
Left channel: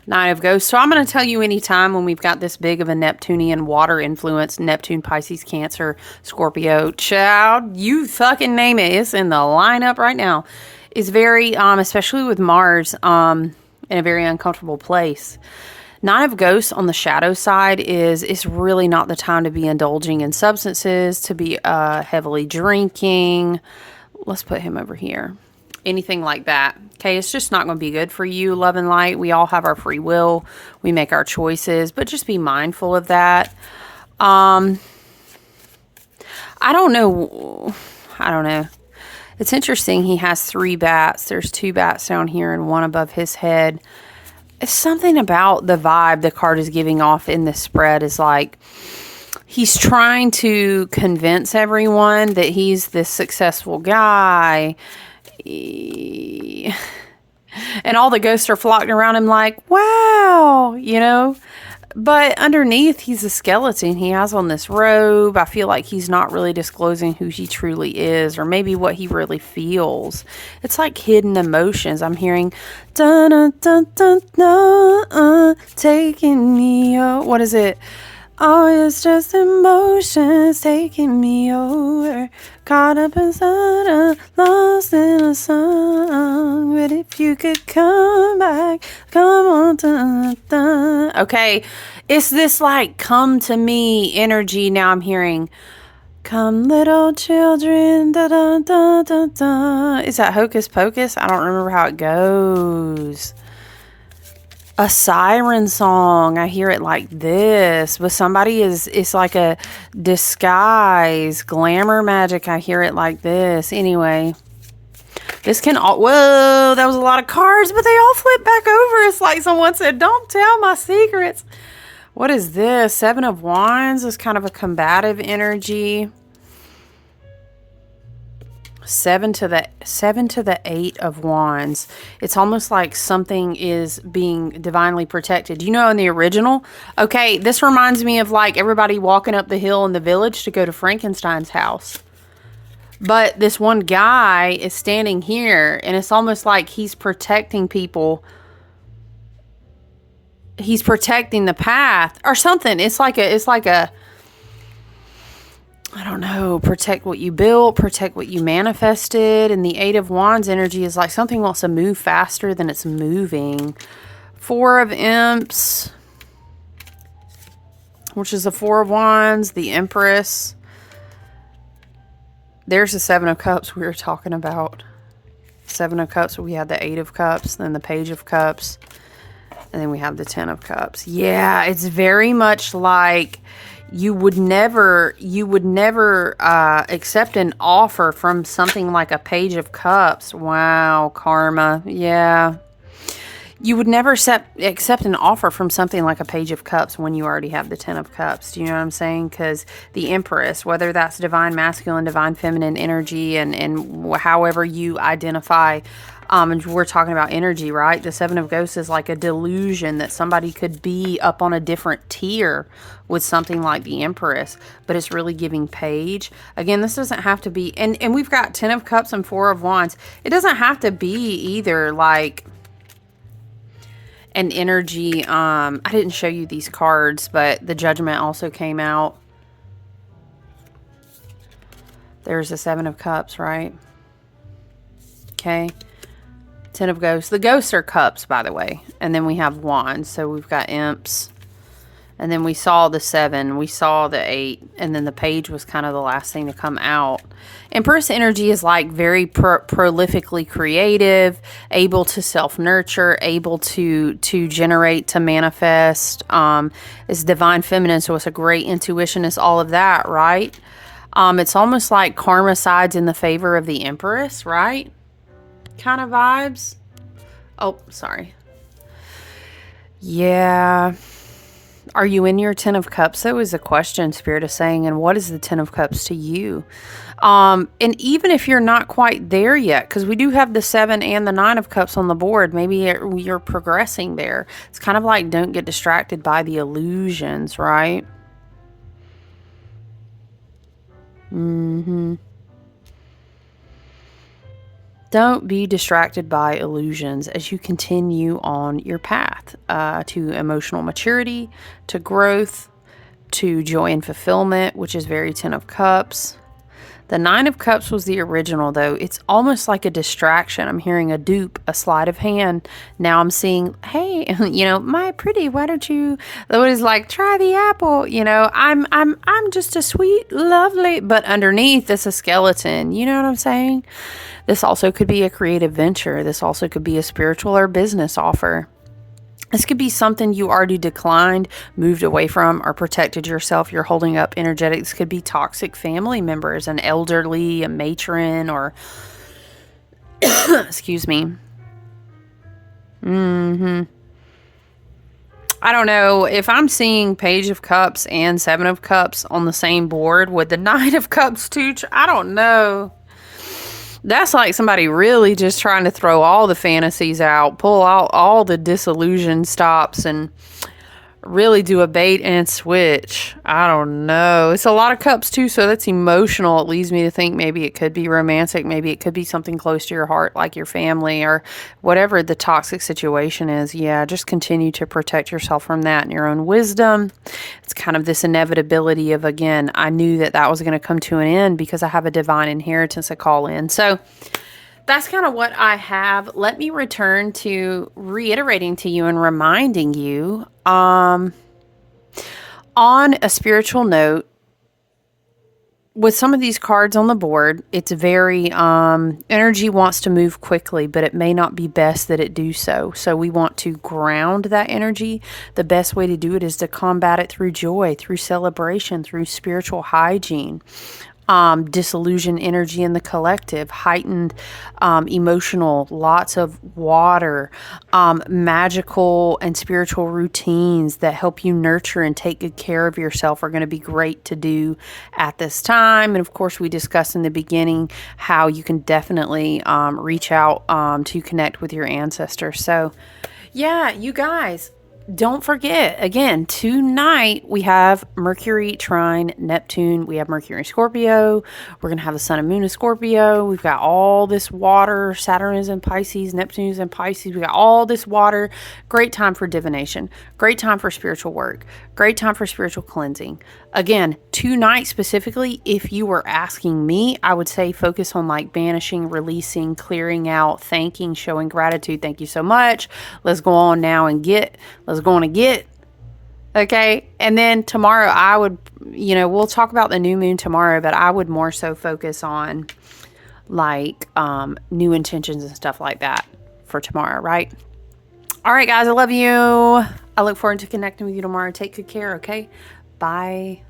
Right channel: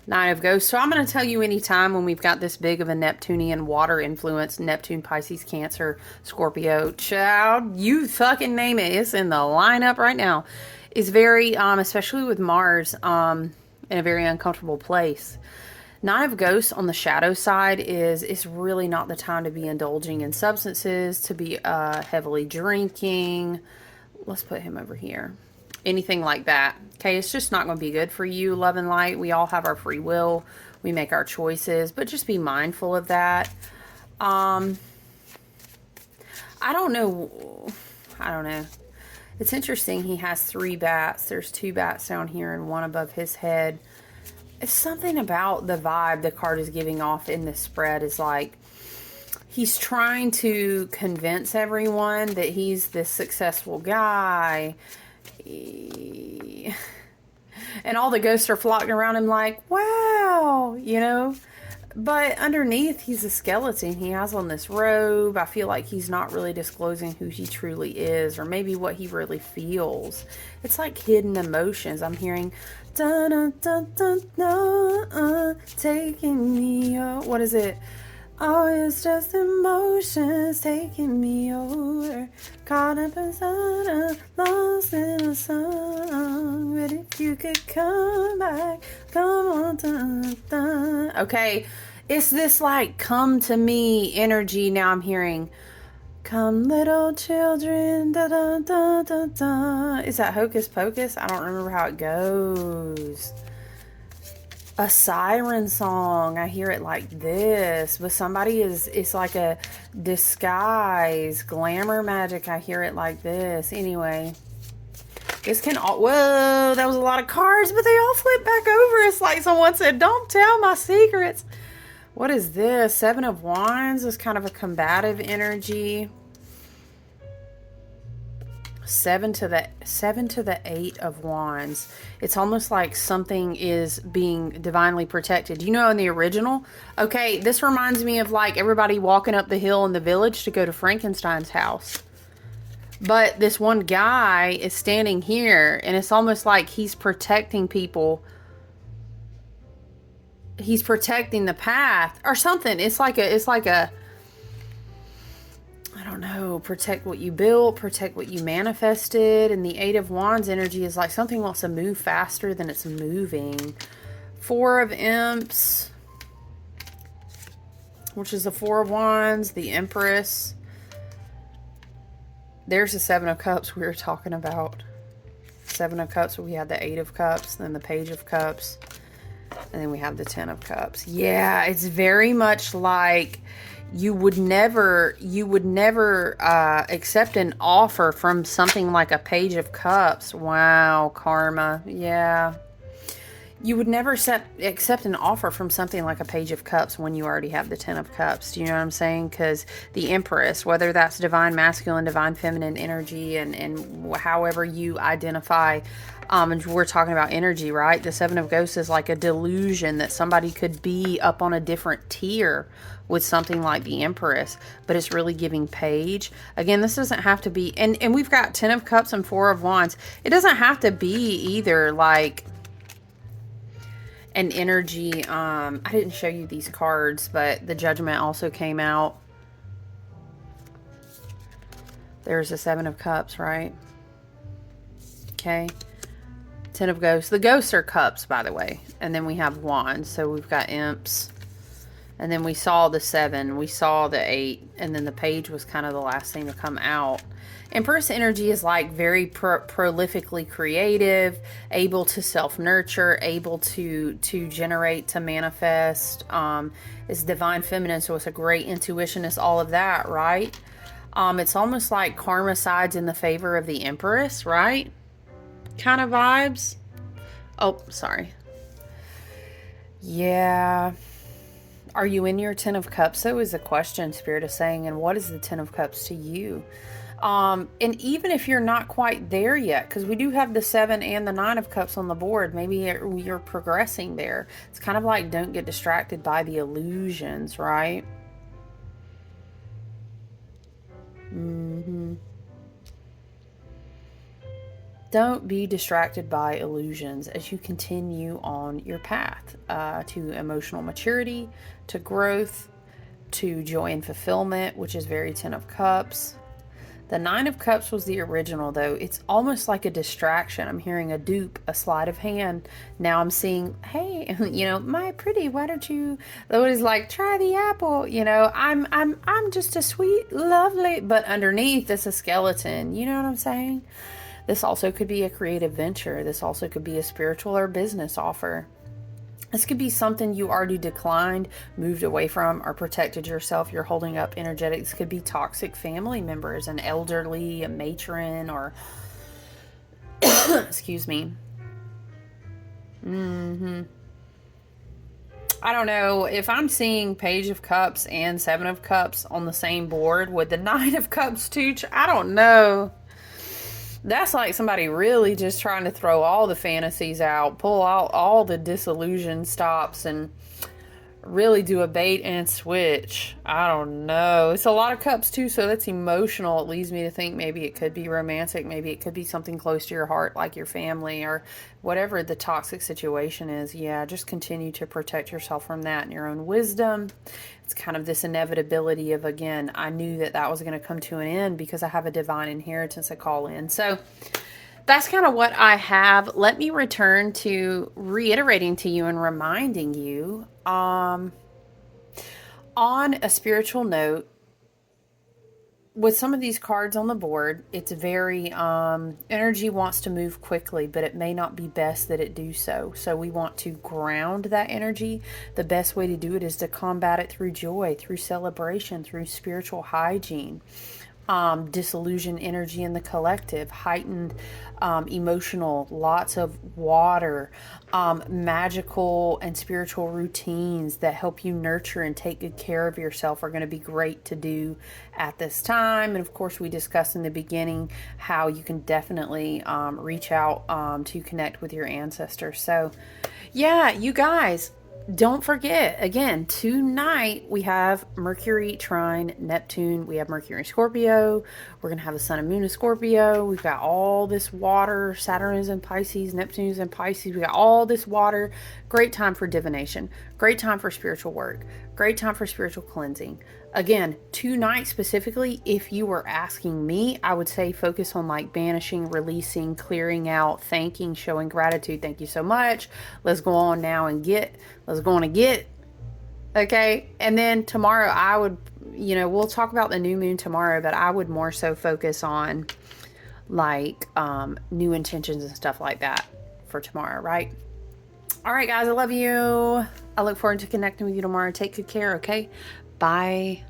Nine of Ghosts. So I'm going to tell you anytime when we've got this big of a Neptunian water influence, Neptune, Pisces, Cancer, Scorpio, child, you fucking name it. It's in the lineup right now. It's very, especially with Mars, in a very uncomfortable place. Nine of Ghosts on the shadow side is really not the time to be indulging in substances, to be heavily drinking. Let's put him over here. Anything like that. Okay, it's just not going to be good for you, love and light. We all have our free will. We make our choices, but just be mindful of that. I don't know. It's interesting. He has 3 bats. There's 2 bats down here and 1 above his head. It's something about the vibe the card is giving off in this spread is like he's trying to convince everyone that he's this successful guy. And all the ghosts are flocking around him like, wow, but underneath he's a skeleton. He has on this robe. I feel like he's not really disclosing who he truly is, or maybe what he really feels. It's like hidden emotions. I'm hearing dun dun dun dun dun, taking me out. What is it? Oh, it's just emotions taking me over. Caught up inside, lost in a song. But if you could come back, come on, dun, dun. Okay, it's this come to me energy. Now I'm hearing, come little children, da da da da da. Is that Hocus Pocus? I don't remember how it goes. A siren song. I hear it like this, but somebody is, it's like a disguise, glamour magic. I hear it like this. Anyway, this can all, whoa, that was a lot of cards, but they all flip back over. It's like someone said, don't tell my secrets. What is this? Seven of Wands is kind of a combative energy. Seven to the Eight of Wands. It's almost like something is being divinely protected. You know, in the original, okay, this reminds me of like everybody walking up the hill in the village to go to Frankenstein's house. But this one guy is standing here, and it's almost like he's protecting people. He's protecting the path or something. It's like a I don't know, protect what you built, protect what you manifested. And the Eight of Wands energy is like something wants to move faster than it's moving. Four of Imps, which is the Four of Wands, the Empress. There's the Seven of Cups we were talking about. Seven of Cups, we had the Eight of Cups, then the Page of Cups, and then we have the Ten of Cups. Yeah, it's very much like you would never accept an offer from something like a Page of Cups. Wow, karma. Yeah. You would never accept an offer from something like a Page of Cups when you already have the Ten of Cups. Do you know what I'm saying? Because the Empress, whether that's divine masculine, divine feminine energy, and however you identify, and we're talking about energy, right? The Seven of Ghosts is like a delusion that somebody could be up on a different tier with something like the Empress, but it's really giving Page. Again, this doesn't have to be, and we've got Ten of Cups and Four of Wands. It doesn't have to be either like an energy. I didn't show you these cards, but the Judgment also came out. There's the Seven of Cups, right? Okay. Ten of Ghosts. The Ghosts are cups, by the way. And then we have Wands. So we've got Imps. And then we saw the Seven. We saw the Eight. And then the Page was kind of the last thing to come out. Empress energy is like very prolifically creative, able to self-nurture, able to generate, to manifest. It's divine feminine, so it's a great intuition. It's all of that, right? It's almost like karma sides in the favor of the Empress, right? Kind of vibes. Oh, sorry. Yeah. Are you in your Ten of Cups? That was a question Spirit is saying. And what is the Ten of Cups to you? And even if you're not quite there yet, because we do have the Seven and the Nine of Cups on the board, maybe you're progressing there. It's kind of like don't get distracted by the illusions, right? Don't be distracted by illusions as you continue on your path to emotional maturity, to growth, to joy and fulfillment, which is very Ten of Cups. The Nine of Cups was the original, though. It's almost like a distraction. I'm hearing a dupe, a sleight of hand. Now I'm seeing, hey, you know, my pretty, why don't you? What is like, try the apple. You know, I'm just a sweet, lovely, but underneath it's a skeleton. You know what I'm saying? This also could be a creative venture. This also could be a spiritual or business offer. This could be something you already declined, moved away from, or protected yourself. You're holding up energetic. This could be toxic family members, an elderly, a matron, or excuse me. I don't know. If I'm seeing Page of Cups and Seven of Cups on the same board with the Nine of Cups too, I don't know. That's like somebody really just trying to throw all the fantasies out, pull out all the disillusion stops, and really do a bait and switch. I don't know. It's a lot of cups too, so that's emotional. It leads me to think maybe it could be romantic. Maybe it could be something close to your heart, like your family or whatever the toxic situation is. Yeah, just continue to protect yourself from that in your own wisdom. It's kind of this inevitability of, again, I knew that was going to come to an end because I have a divine inheritance to call in. So that's kind of what I have. Let me return to reiterating to you and reminding you, on a spiritual note, with some of these cards on the board, it's very energy wants to move quickly, but it may not be best that it do so. So we want to ground that energy. The best way to do it is to combat it through joy, through celebration, through spiritual hygiene. Disillusion energy in the collective, heightened emotional, lots of water, magical and spiritual routines that help you nurture and take good care of yourself are going to be great to do at this time. And of course, we discussed in the beginning how you can definitely reach out to connect with your ancestors. So, yeah, you guys. Don't forget, again, tonight we have Mercury, Trine, Neptune. We have Mercury in Scorpio. We're going to have the Sun and Moon in Scorpio. We've got all this water. Saturn is in Pisces. Neptune is in Pisces. We got all this water. Great time for divination. Great time for spiritual work. Great time for spiritual cleansing. Again, tonight specifically, if you were asking me, I would say focus on like banishing, releasing, clearing out, thanking, showing gratitude. Thank you so much. Let's go on now and get. Let's go on and get. Okay. And then tomorrow I would, we'll talk about the new moon tomorrow, but I would more so focus on like new intentions and stuff like that for tomorrow, right? All right, guys, I love you. I look forward to connecting with you tomorrow. Take good care, okay? Bye.